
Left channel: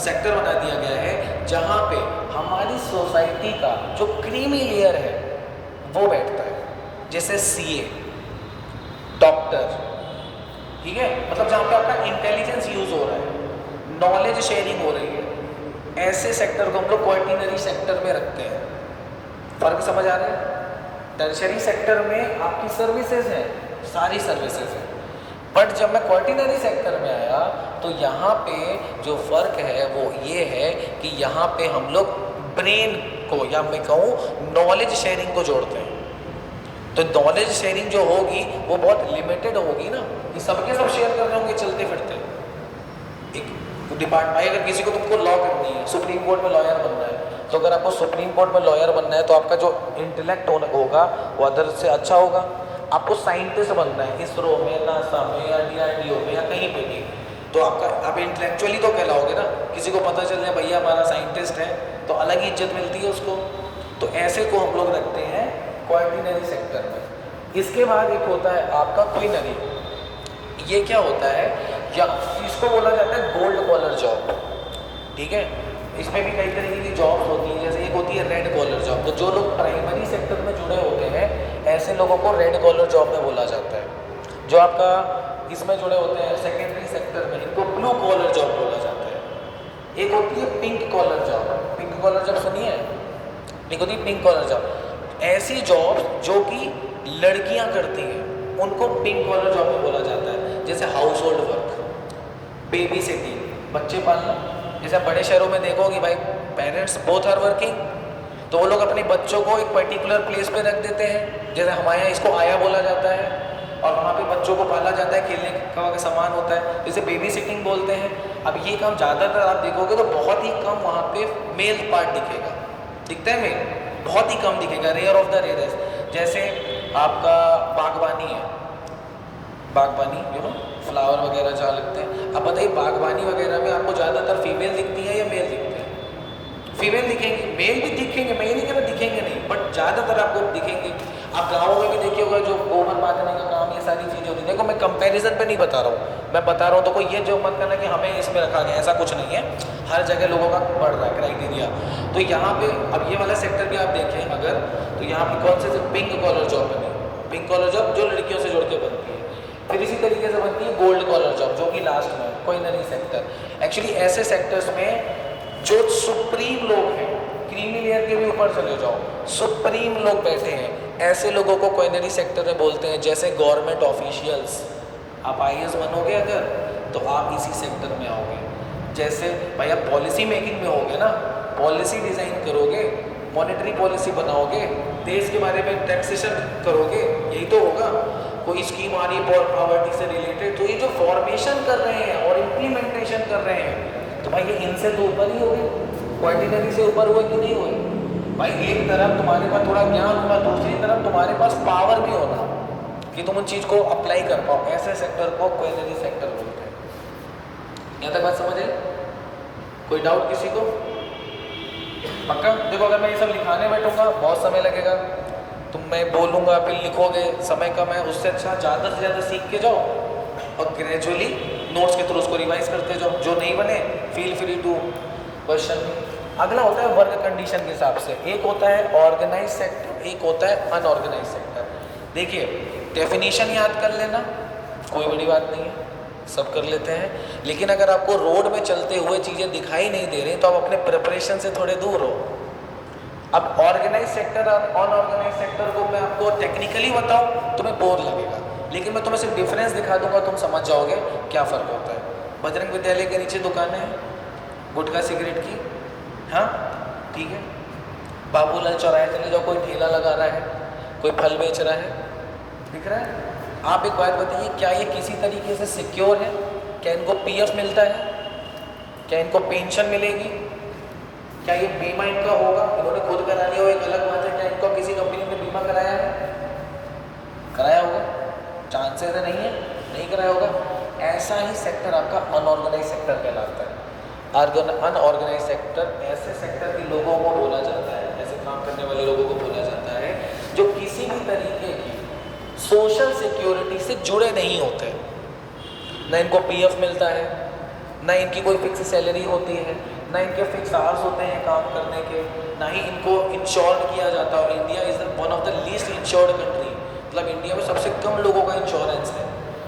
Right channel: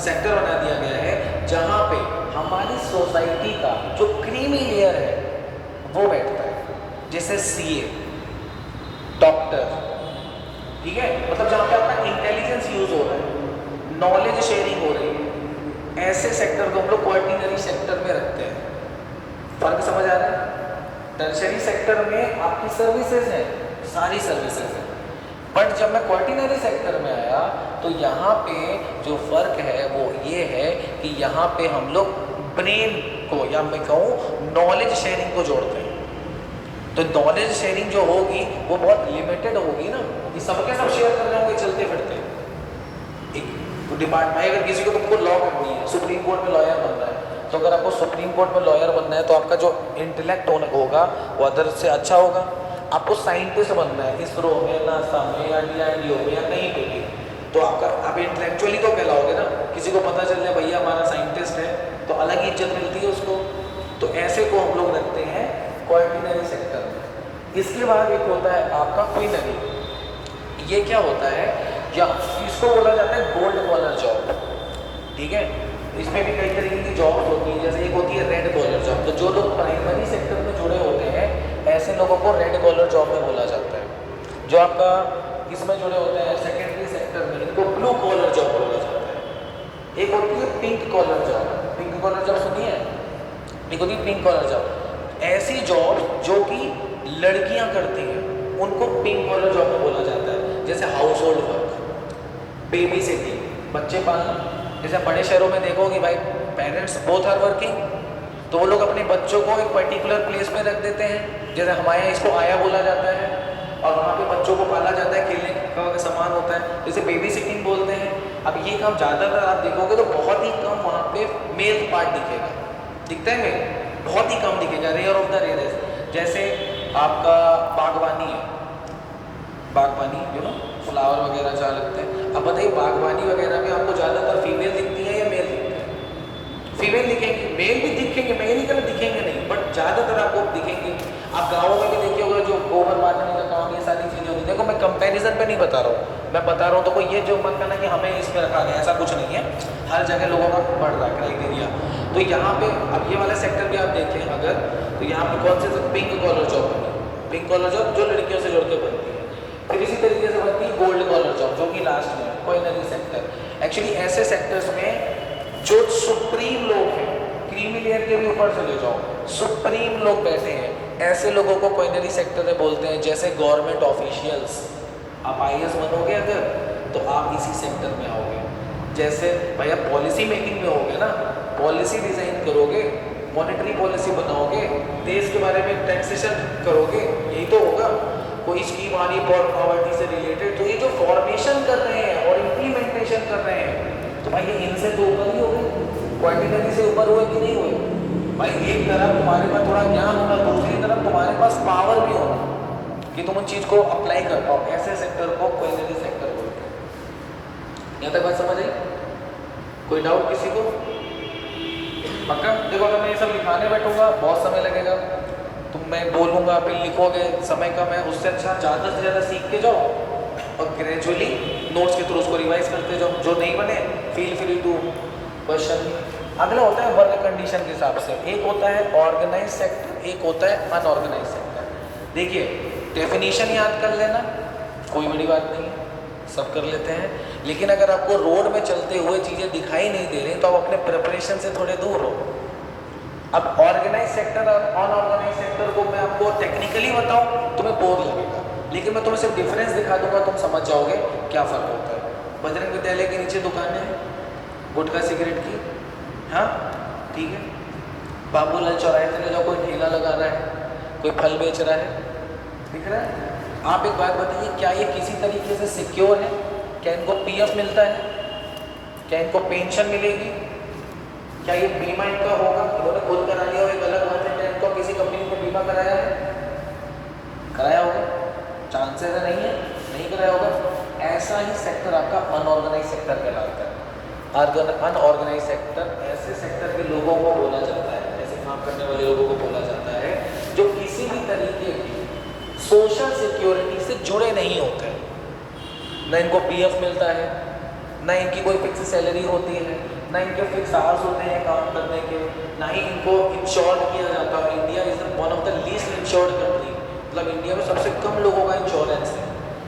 सेक्टर बना दिया गया है जहाँ पे हमारी सोसाइटी का जो क्रीमी लेयर है वो बैठता है, जैसे सीए, डॉक्टर, ठीक है, मतलब जहाँ पे आपका इंटेलिजेंस यूज हो रहा है, नॉलेज शेयरिंग हो रही है, ऐसे सेक्टर को हम लोग क्वार्टिनरी सेक्टर में रखते हैं। फर्क समझ आ रहा है। टर्शरी सेक्टर में आपकी सर्विसेज है, सारी सर्विसेज है, बट जब मैं क्वार्टिनरी सेक्टर में आया तो यहाँ पे जो फर्क है वो ये है कि यहाँ पे हम लोग ब्रेन को या मैं कहूँ नॉलेज शेयरिंग को जोड़ते हैं। तो नॉलेज शेयरिंग जो होगी वो बहुत लिमिटेड होगी ना, कि सबके सब शेयर कर रहे होंगे चलते फिरते। एक डिपार्टमेंट, अगर किसी को तुमको लॉ करनी है, सुप्रीम कोर्ट में लॉयर बनना है, तो अगर आपको सुप्रीम कोर्ट में लॉयर बनना है तो आपका जो इंटेलेक्ट होगा वो अदर से अच्छा होगा। आपको साइंटिस्ट बनना है, इसरो में, नासा में या DRDO में या कहीं पे भी, तो आप इंटेलेक्चुअली तो कहलाओगे ना। किसी को पता चल जाए भैया हमारा साइंटिस्ट है तो अलग ही इज्जत मिलती है उसको। तो ऐसे को हम लोग रखते हैं क्वार्टिनरी सेक्टर में। इसके बाद एक होता है आपका क्वीनरी। ये क्या होता है, या इसको बोला जाता है गोल्ड कॉलर जॉब, ठीक है। इसमें भी कई तरीके की जॉब होती है, जैसे एक होती है रेड कॉलर जॉब। तो जो लोग प्राइमरी सेक्टर में जुड़े होते हैं ऐसे लोगों को रेड कॉलर जॉब में बोला जाता है। जो आपका इसमें जुड़े होते हैं सेकेंडरी सेक्टर में, इनको ब्लू कॉलर जॉब बोला जाता है। एक होती है pink collar job. Pink collar job सुनी है, एक होती है पिंक कॉलर जॉब। ऐसी जॉब जो कि लड़कियां करती हैं उनको पिंक कॉलर जॉब में बोला जाता है, जैसे house hold work, baby sitting, बच्चे पालना। जैसे बड़े शहरों में देखो कि भाई पेरेंट्स बोथ आर वर्किंग, तो वो लोग अपने बच्चों को एक पर्टिकुलर प्लेस में रख देते हैं, जैसे हमारे यहाँ इसको आया बोला जाता है, और वहाँ पे बच्चों को पाला जाता है, खेलने का सामान होता है, जैसे बेबी सिटिंग बोलते हैं। अब ये काम ज़्यादातर आप देखोगे तो बहुत ही कम वहाँ पे मेल पार्ट दिखेगा, दिखता है मेल, बहुत ही कम दिखेगा, रेयर ऑफ द रेयरेस्ट। जैसे आपका बागवानी है, बागवानी यू नो फ्लावर वगैरह जहाँ लगते हैं, अब बताइए बागवानी वगैरह में आपको ज़्यादातर फीमेल दिखती है या मेल दिखते हैं? फीमेल दिखेंगे, मेल भी दिखेंगे, मेल ही कभी दिखेंगे नहीं, बट ज़्यादातर आपको दिखेंगे। आप गाँवों में भी देखिए होगा जो गोबर बांधने का काम, ये सारी चीज़ें होती है। देखो मैं कंपैरिजन पे नहीं बता रहा हूँ, मैं बता रहा हूँ तो कोई ये जो मत करना कि हमें इसमें रखा गया, ऐसा कुछ नहीं है। हर जगह लोगों का बढ़ रहा है क्राइटेरिया। तो यहाँ पे अब ये वाला सेक्टर भी आप देखें अगर, तो यहाँ पे कौन से पिंक कॉलर जॉब बनी, पिंक कॉलर जॉब जो लड़कियों से जुड़ के बनती है। फिर इसी तरीके से बनती है गोल्ड कॉलर जॉब, जो कि लास्ट में क्वीनरी सेक्टर। एक्चुअली ऐसे सेक्टर्स में जो सुप्रीम लोग हैं, क्रीमी लेयर के भी ऊपर चले जाओ, सुप्रीम लोग बैठे हैं, ऐसे लोगों को क्वीनरी सेक्टर में बोलते हैं। जैसे गवर्नमेंट ऑफिशियल्स, आप IAS बनोगे अगर तो आप इसी सेक्टर में आओगे। जैसे भाई आप पॉलिसी मेकिंग में होगे ना, पॉलिसी डिज़ाइन करोगे, मॉनेटरी पॉलिसी बनाओगे, देश के बारे में टैक्सेशन करोगे, यही तो होगा। कोई स्कीम आ रही है पॉवर्टी से रिलेटेड, तो ये जो फॉर्मेशन कर रहे हैं और इम्प्लीमेंटेशन कर रहे हैं, तो भाई ये इनसे तो ऊपर ही हो गए, क्वांटिटी से ऊपर हुए कि नहीं हुए। भाई एक तरफ तुम्हारे पास थोड़ा ज्ञान होगा, दूसरी तरफ तुम्हारे पास पावर भी होगा कि तुम उन चीज़ को अप्लाई कर पाओ, ऐसे सेक्टर को क्वालिटी सेक्टर बोलते हैं। यहाँ तक बात समझ आई? कोई डाउट किसी को? पक्का? देखो अगर मैं ये सब लिखाने बैठूंगा बहुत समय लगेगा, तो मैं बोलूँगा फिर लिखोगे, समय कम है, उससे अच्छा ज़्यादा से ज़्यादा सीख के जाओ और ग्रेजुअली नोट्स के थ्रू उसको रिवाइज करते जाओ। जो नहीं बने फील फ्री टू क्वेश्चन। अगला होता है वर्क कंडीशन के हिसाब से, एक होता है ऑर्गेनाइज सेक्टर, एक होता है अनऑर्गेनाइज सेक्टर। देखिए डेफिनेशन याद कर लेना, कोई बड़ी बात नहीं है, सब कर लेते हैं। लेकिन अगर आपको रोड में चलते हुए चीज़ें दिखाई नहीं दे रही तो आप अपने प्रिपरेशन से थोड़े दूर हो। अब ऑर्गेनाइज सेक्टर और अनऑर्गेनाइज सेक्टर को मैं आपको टेक्निकली बताऊं तुम्हें बोर लगेगा, लेकिन मैं तुम्हें सिर्फ डिफरेंस दिखा दूंगा, तुम समझ जाओगे क्या फ़र्क होता है। बजरंग विद्यालय के नीचे दुकानें हैं गुटखा सिगरेट की, हाँ ठीक है। बाबूलाल चौराहे चले जाओ, कोई ठेला लगा रहा है, कोई फल बेच रहा है, दिख रहा है। आप एक बात बताइए, क्या ये किसी तरीके से सिक्योर है? क्या इनको पीएफ मिलता है? क्या इनको पेंशन मिलेगी? क्या ये बीमा इनका होगा? इन्होंने खुद करा लिया हो एक अलग बात है, क्या इनको किसी कंपनी ने बीमा कराया है? कराया होगा, चांसेस है नहीं है, नहीं कराया होगा। ऐसा ही सेक्टर आपका अनऑर्गेनाइज सेक्टर कहलाता है। अनऑर्गेनाइज सेक्टर ऐसे सेक्टर के लोगों को बोला जाता है, ऐसे काम करने वाले लोगों को बोला जाता है जो किसी भी तरीके की सोशल सिक्योरिटी से जुड़े नहीं होते। न इनको पीएफ मिलता है, न इनकी कोई फिक्स सैलरी होती है, न इनके फिक्स आवर्स होते हैं काम करने के, ना ही इनको इंश्योर्ड किया जाता है। India is one of the least insured country, मतलब इंडिया में सबसे कम लोगों का इंश्योरेंस है।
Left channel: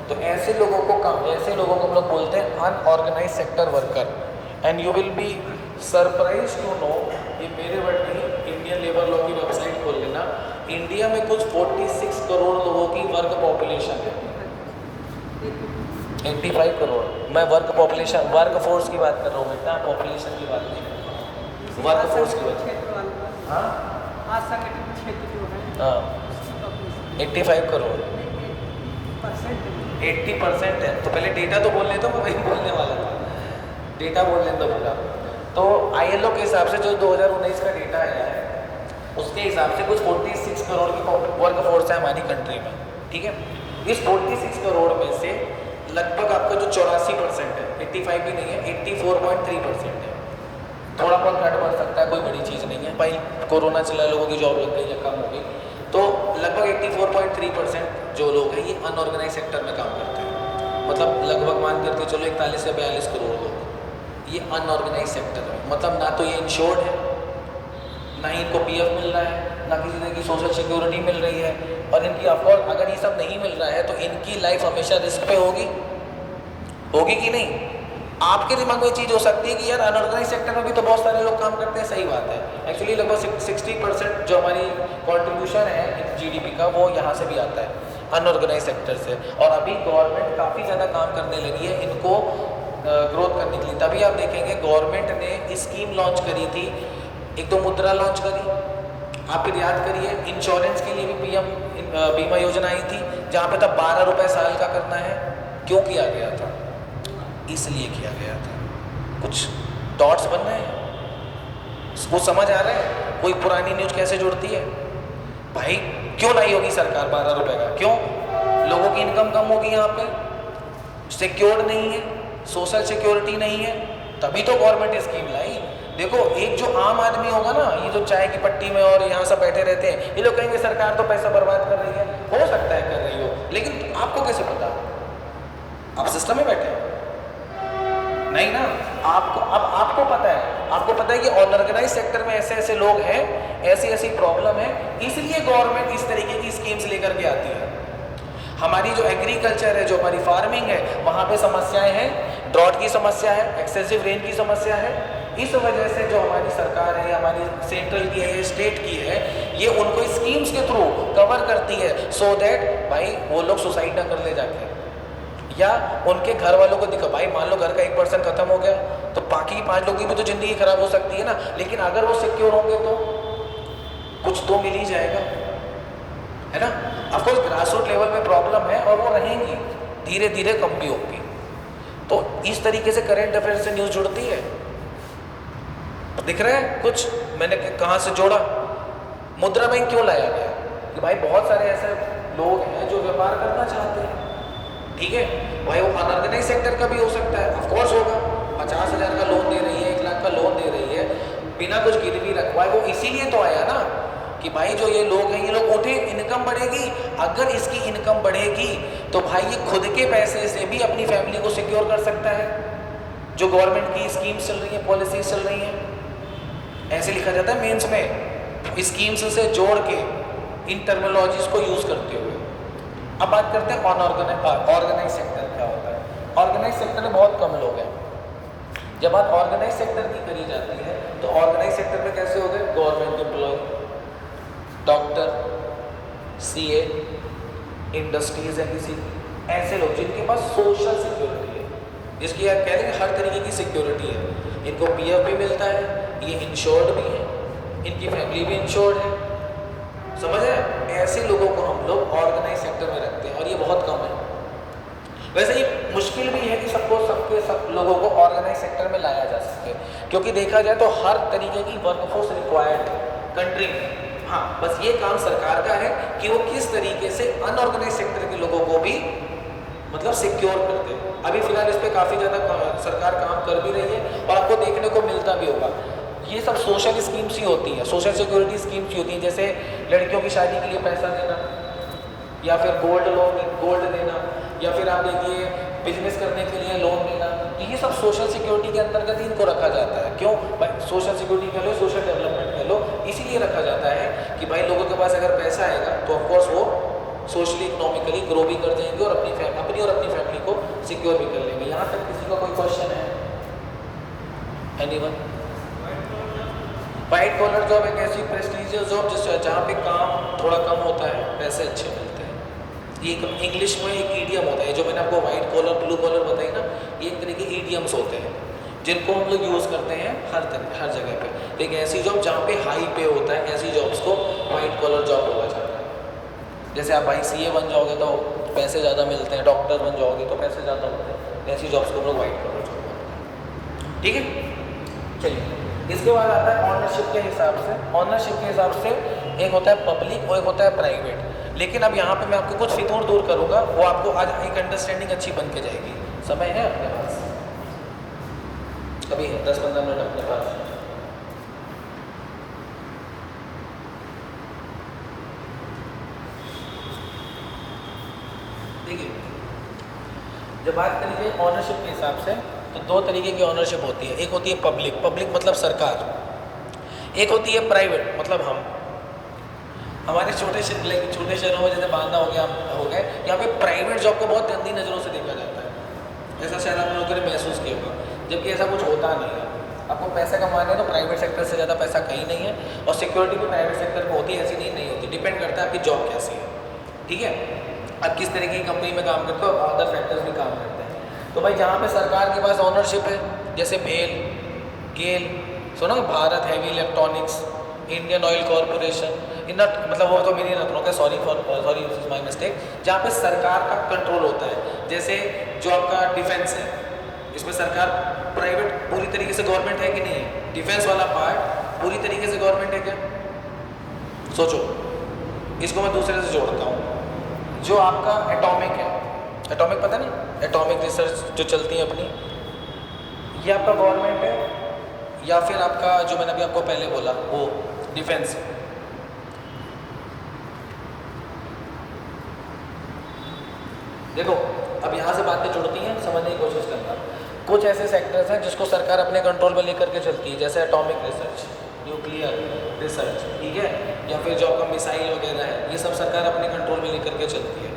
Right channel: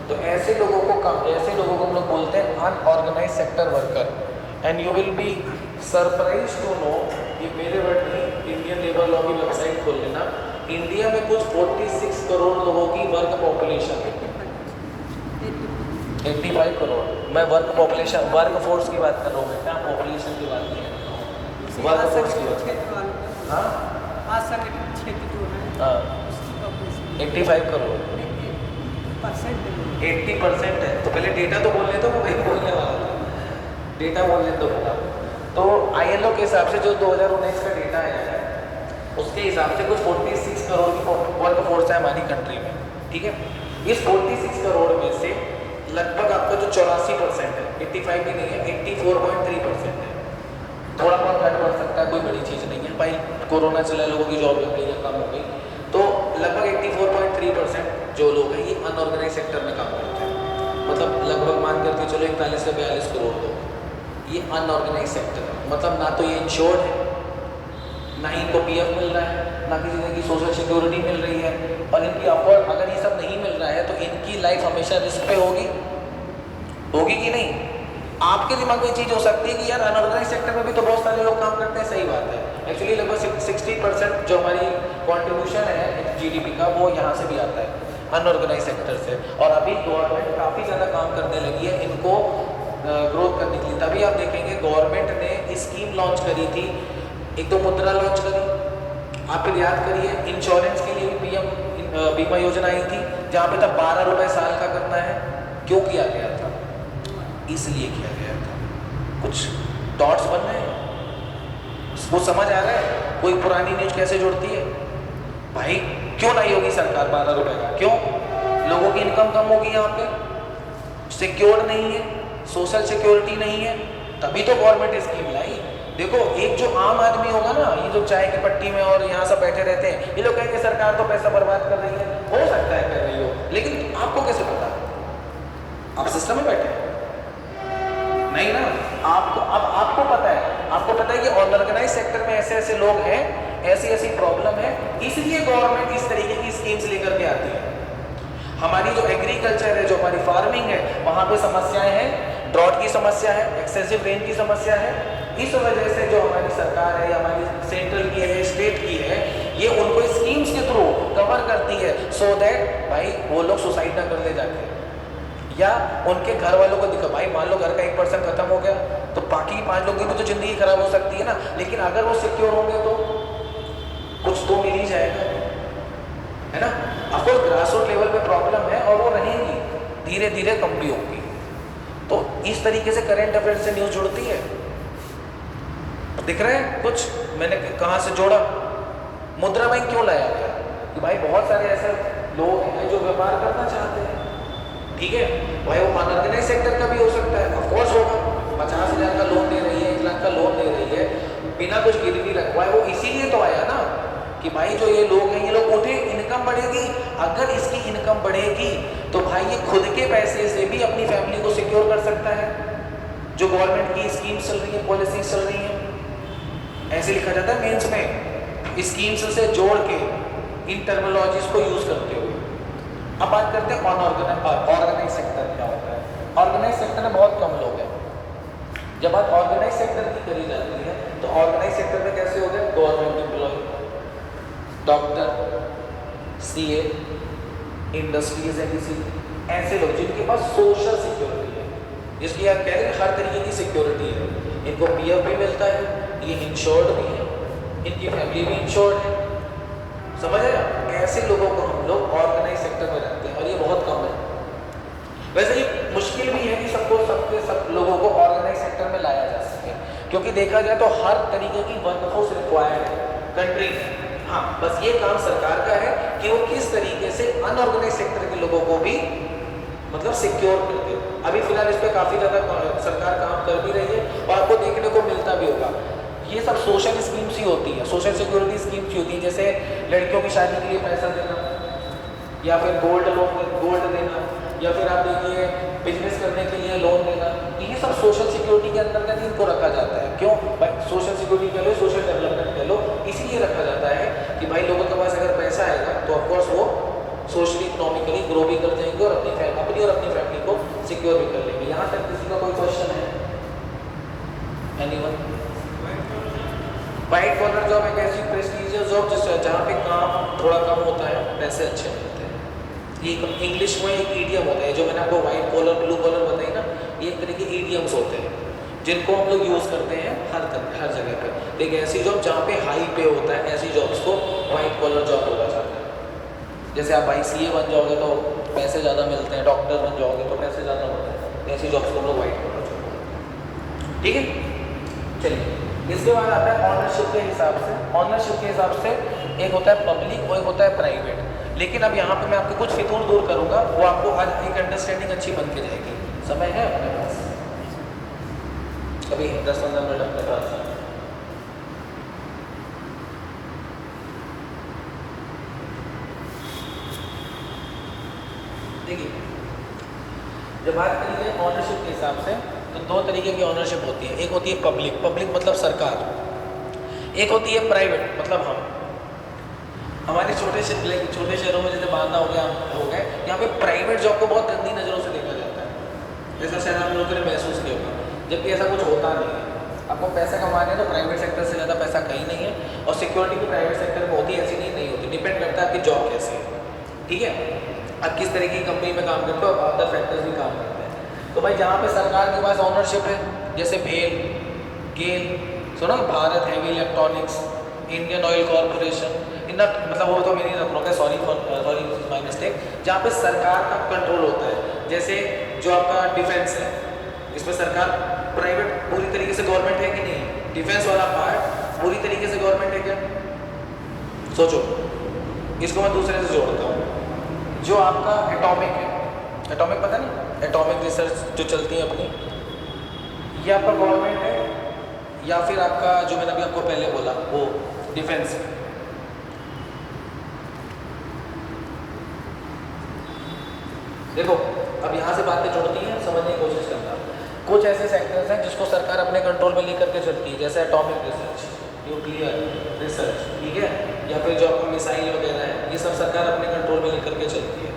तो ऐसे लोगों को हम लोग बोलते हैं unorganise sector worker. And you will be surprise to know, ये मेरे वर्ड नहीं, इंडियन लेबर लॉ की वेबसाइट खोल लेना, इंडिया में कुछ 46 करोड़ लोगों की वर्क पॉपुलेशन है। 85 करोड़। मैं वर्क पॉपुलेशन, वर्क फोर्स की बात कर रहा हूँ बेटा, पॉपुलेशन की बात नहीं है, वर्क फोर्स की बात है। हाँ असंगठित क्षेत्र जो है, हाँ, उसकी population 85 करोड़, 80% है। तो पहले डेटा तो बोलने दो, मैं वही बोलने वाला था, डेटा बोलने दो बेटा। तो ILO के हिसाब से जो 2019 का डेटा आया है, उसके हिसाब से कुछ 46 करोड़ की वर्क फोर्स है हमारी कंट्री में, ठीक है। इस 46 करोड़ में से लगभग आपका जो 84% है, 85 भी नहीं है, 84.3% है। थोड़ा बहुत घट बढ़ सकता है, कोई बड़ी चीज़ नहीं है भाई, कोरोना चला, लोगों की जॉब लग गई, कम हो गई, तो लगभग 84.3% जो लोग हैं ये अनऑर्गेनाइज सेक्टर में काम करते हैं। मतलब लगभग मान करके चलो 41 से 42 करोड़ लोग ये अनऑर्गेनाइज सेक्टर है। मतलब ना तो ये इंश्योर्ड है, ना ही इनको पीएफ मिल रहा है, ना किसी तरह की सोशल सिक्योरिटी मिल रही है, और इनकी ऑफकोर्स अगर ये सब नहीं मिल रहा है तो इनकी लाइफ हमेशा रिस्क पे होगी कि नहीं। आपके दिमाग में ये चीज़ हो सकती है कि यार अनऑर्गेनाइज सेक्टर में भी तो बहुत सारे लोग काम करते हैं, सही बात है। एक्चुअली लगभग 60% जो हमारी कॉन्ट्रीब्यूशन है GDP का, वो यहाँ से भी आता है अनऑर्गेनाइज सेक्टर से। और अभी गवर्नमेंट काफ़ी ज़्यादा काम करने लगी है इनको ग्रोथ करने के लिए। तभी आप देखेंगे गवर्नमेंट ने स्कीम लॉन्च करी थी, एक तो मुद्रा लॉन्च करी, आप फिर याद करिए इंश्योरेंस के लिए भी PM बीमा योजना आई थी, जहाँ पे तब 12 रुपये साल का करना है। क्यों किया गया था? इसलिए किया गया था। कुछ डॉट्स बन रहे हैं, वो समझ आ रहा है कोई पुरानी न्यूज कैसे जुड़ती है? भाई क्यों लाई होगी सरकार 12 रुपये का? क्यों? लोगों की इनकम कम होगी, यहाँ पे सिक्योर नहीं है, सोशल सिक्योरिटी नहीं है, तभी तो गवर्नमेंट स्कीम लाई। देखो एक जो आम आदमी होगा ना, ये जो चाय की पट्टी में और यहाँ सब बैठे रहते हैं, ये लोग कहेंगे सरकार तो पैसा बर्बाद कर रही है। हो सकता है कर रही हो, लेकिन आपको कैसे पता? आप सिस्टम में बैठे नहीं ना, आपको पता है, आपको पता है कि अनऑर्गेनाइज सेक्टर में ऐसे ऐसे लोग हैं, ऐसी ऐसी प्रॉब्लम है, इसलिए गवर्नमेंट इस तरीके की स्कीम्स लेकर के आती है। हमारी जो एग्रीकल्चर है, जो हमारी फार्मिंग है, वहाँ पे समस्याएं हैं, ड्रॉट की समस्या है, एक्सेसिव रेन की समस्या है। इस वजह से जो हमारी सरकार है, हमारी सेंट्रल की है, स्टेट की है, ये उनको स्कीम्स के थ्रू कवर करती है, सो दैट भाई वो लोग सुसाइड ना कर ले जाके, या उनके घर वालों को दिखो। भाई मान लो घर का 1% खत्म हो गया तो बाकी 5 लोगों की भी तो ज़िंदगी खराब हो सकती है ना। लेकिन अगर वो सिक्योर होंगे तो कुछ तो मिल ही जाएगा, है ना। ऑफकोर्स ग्रास रूट लेवल पे प्रॉब्लम है और वो रहेंगी, धीरे धीरे कम भी होगी। तो इस तरीके से करंट अफेयर से न्यूज़ जुड़ती है। दिख रहा है कुछ मैंने कहाँ से जोड़ा? मुद्रा बैंक क्यों लाया गया? कि भाई बहुत सारे ऐसे लोग हैं जो व्यापार करना चाहते हैं, ठीक है, भाई वो अनऑर्गेनाइज सेक्टर का भी हो सकता है, ऑफकोर्स होगा। 50,000 का लोन दे रही है, 1 लाख का लोन दे रही है, बिना कुछ गिरवी रखवाए, वो इसीलिए तो आया ना कि भाई जो ये लोग हैं, ये लोग उठे, इनकम बढ़ेगी। अगर इसकी इनकम बढ़ेगी तो भाई ये खुद के पैसे से भी अपनी फैमिली को सिक्योर कर सकता है। जो गवर्नमेंट की स्कीम्स चल रही है, पॉलिसीज चल रही हैं, ऐसे लिखा जाता है मेंस में, स्कीम्स से जोड़ के इन टर्मिनोलॉजीज को यूज करते हुए। अब बात करते हैं ऑर्गेनाइज सेक्टर क्या होता है। ऑर्गेनाइज सेक्टर में बहुत कम लोग हैं। जब बात ऑर्गेनाइज सेक्टर की करी जाती है तो ऑर्गेनाइज सेक्टर में कैसे हो गए? Government employ, doctor, CA, industries है किसी, ऐसे लोग जिनके पास सोशल सिक्योरिटी है, जिसकी आप कह रहे हैं हर तरीके की सिक्योरिटी है, इनको पीएफ भी मिलता है, ये इंश्योर्ड भी है, इनकी फैमिली भी इंश्योर्ड है, समझ रहे हैं? ऐसे लोगों को हम लोग ऑर्गेनाइज सेक्टर में रखते हैं और ये बहुत कम है। वैसे ये मुश्किल भी है कि सब लोगों को ऑर्गेनाइज सेक्टर में लाया जा सके, क्योंकि देखा जाए तो हर तरीके की वर्कफोर्स रिक्वायर्ड है कंट्री में। हाँ, बस ये काम सरकार का है कि वो किस तरीके से अनऑर्गेनाइज सेक्टर के लोगों को भी मतलब सिक्योर करते हो। अभी फिलहाल इस पर काफ़ी ज़्यादा सरकार काम कर भी रही है और आपको देखने को मिलता भी होगा। ये सब सोशल स्कीम्स ही होती है, सोशल सिक्योरिटी स्कीम्स ही होती है, जैसे लड़कियों की शादी के लिए पैसा देना, या फिर गोल्ड देना, या फिर आप देखिए बिजनेस करने के लिए लोन देना। ये सब सोशल सिक्योरिटी के अंतर्गत इनको रखा जाता है। क्यों भाई? सोशल सिक्योरिटी कह लो, सोशल डेवलपमेंट कह लो, इसीलिए रखा जाता है कि भाई लोगों के पास अगर पैसा आएगा तो ऑफकोर्स वो सोशली इकोनॉमिकली ग्रो भी कर जाएंगे और अपनी और अपनी फैमिली को सिक्योर भी कर लेंगे। यहाँ तक किसी का कोई क्वेश्चन है? एनीवन? वाइट कॉलर जॉब एक ऐसी प्रेस्टिजियस जॉब जहाँ पे काम थोड़ा कम होता है, पैसे अच्छे मिलते हैं। ये इंग्लिश में एक ईडियम होता है, जो मैंने आपको वाइट कॉलर ब्लू कॉलर बताई ना, ये एक तरह के ईडियम्स होते हैं जिनको हम लोग यूज़ करते हैं हर जगह पे। एक ऐसी जॉब जहाँ पे हाई पे होता है, ऐसी जॉब्स को वाइट कॉलर जॉब बोला जाता है। जैसे आप भाई सीए बन जाओगे तो पैसे ज़्यादा मिलते हैं, डॉक्टर बन जाओगे तो पैसे ज़्यादा होते हैं, ऐसी जॉब्स को हम लोग वाइट कॉलर जॉब बोलते हैं। ठीक है, चलिए इसके बाद आता है ऑनरशिप के हिसाब से। ऑनरशिप के हिसाब से एक होता है पब्लिक और एक होता है प्राइवेट। लेकिन अब यहाँ पे मैं आपको कुछ फितूर दूर करूँगा, वो आपको आज एक अंडरस्टैंडिंग अच्छी बन के जाएगी। समय है अपने पास? कभी 10-15 मिनट अपने पास? देखिए, जब बात करिए ऑनरशिप के हिसाब से तो 2 तरीके की ऑनरशिप होती है। एक होती है पब्लिक मतलब सरकार, एक होती है प्राइवेट मतलब हम। हमारे छोटे शहरों में जैसे बांदा हो गया, यहाँ पे प्राइवेट जॉब को बहुत गंदी नज़रों से देखा जाता है। ऐसा शायद आप लोगों ने महसूस किया होगा, जबकि ऐसा कुछ होता नहीं है। आपको पैसा कमाने तो प्राइवेट सेक्टर से ज़्यादा पैसा कहीं नहीं है, और सिक्योरिटी भी प्राइवेट सेक्टर में होती है, ऐसी नहीं होती। डिपेंड करता है आपकी जॉब कैसी है, ठीक है, आप किस तरह की कंपनी में काम करते हो, और अदर फैक्टर्स भी काम करते हैं। तो भाई जहाँ पे सरकार के पास ऑनरशिप है, जैसे भेल, गेल, सुनो Bharat heavy electronics, Indian oil corporation, मतलब वो तो मेरी रखना है, सॉरी माई मिस्टेक। जहाँ पे सरकार का कंट्रोल होता है, जैसे जो आपका डिफेंस है, इसमें सरकार प्राइवेट पूरी तरीके से गवर्नमेंट है कि नहीं? डिफेंस वाला पार्ट पूरी तरीके से गवर्नमेंट है क्या? सोचो, इसको मैं दूसरे से जोड़ता हूँ। जो आपका एटॉमिक है, एटॉमिक पता नहीं, एटॉमिक रिसर्च जो चलती है अपनी, ये आपका गवर्नमेंट है, या फिर आपका जो मैंने अभी आपको पहले बोला वो डिफेंस। देखो अब यहाँ से बातें जुड़ती हैं, समझने की कोशिश करना। कुछ ऐसे सेक्टर्स हैं जिसको सरकार अपने कंट्रोल में लेकर के चलती है, जैसे एटॉमिक रिसर्च, न्यूक्लियर रिसर्च, ठीक है, या फिर जो आपका मिसाइल वगैरह है, ये सब सरकार अपने कंट्रोल में लेकर के चलती है।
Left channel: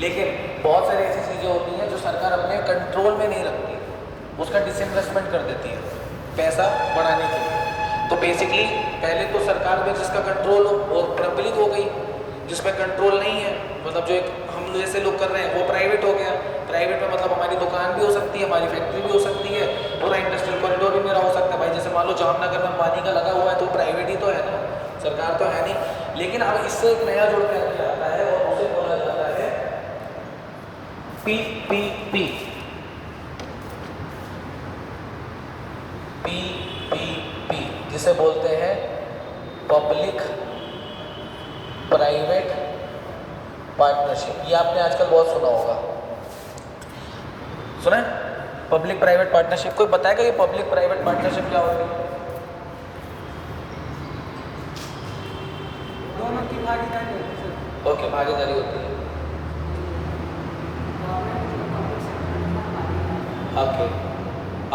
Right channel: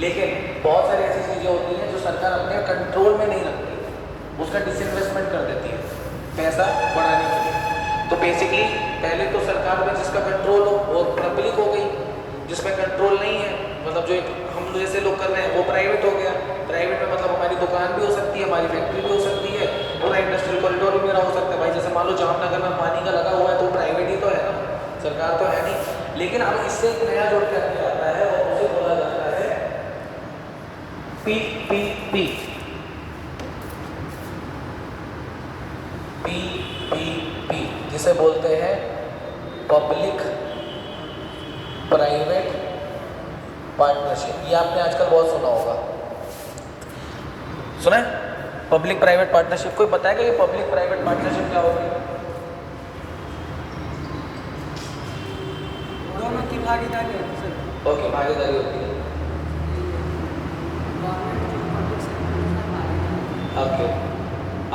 लेकिन बहुत सारी ऐसी चीज़ें होती हैं जो सरकार अपने कंट्रोल में नहीं रखती, उसका डिसइन्वेस्टमेंट कर देती है पैसा बढ़ाने के लिए। तो बेसिकली पहले तो सरकार में जिसका कंट्रोल हो वो पब्लिक हो गई, जिसमें कंट्रोल नहीं है मतलब जो एक हम जैसे लोग कर रहे हैं वो प्राइवेट हो गया। प्राइवेट में मतलब हमारी दुकान भी हो सकती है, हमारी फैक्ट्री भी हो सकती है, पूरा इंडस्ट्रियल कॉरिडोर भी मेरा हो सकता है। भाई जैसे मान लो जामनगर में पानी का लगा हुआ है तो प्राइवेट ही तो है ना, सरकार तो है नहीं। इससे एक नया जोड़ करके आता है और उसे बोला जाता है PPP। PPP जिसे बोलते हैं पब्लिक प्राइवेट पार्टनरशिप। ये आपने आजकल बहुत सुना होगा, सुना है? Public private partnership. कोई बताएगा ये पब्लिक प्राइवेट पार्टनरशिप क्या होगी? दोनों की भागीदारी होती है सर। ओके, भागीदारी होती है। गवर्नमेंट जो पब्लिक सेक्टर में भागीदारी। ओके,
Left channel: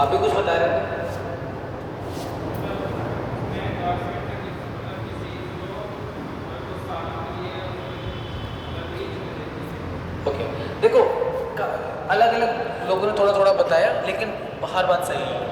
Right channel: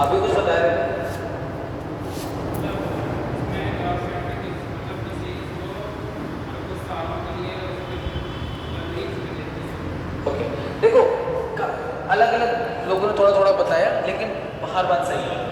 आप भी कुछ बता रहे हैं? ओके, देखो अलग अलग लोगों ने थोड़ा थोड़ा बताया, लेकिन हर बात सही है।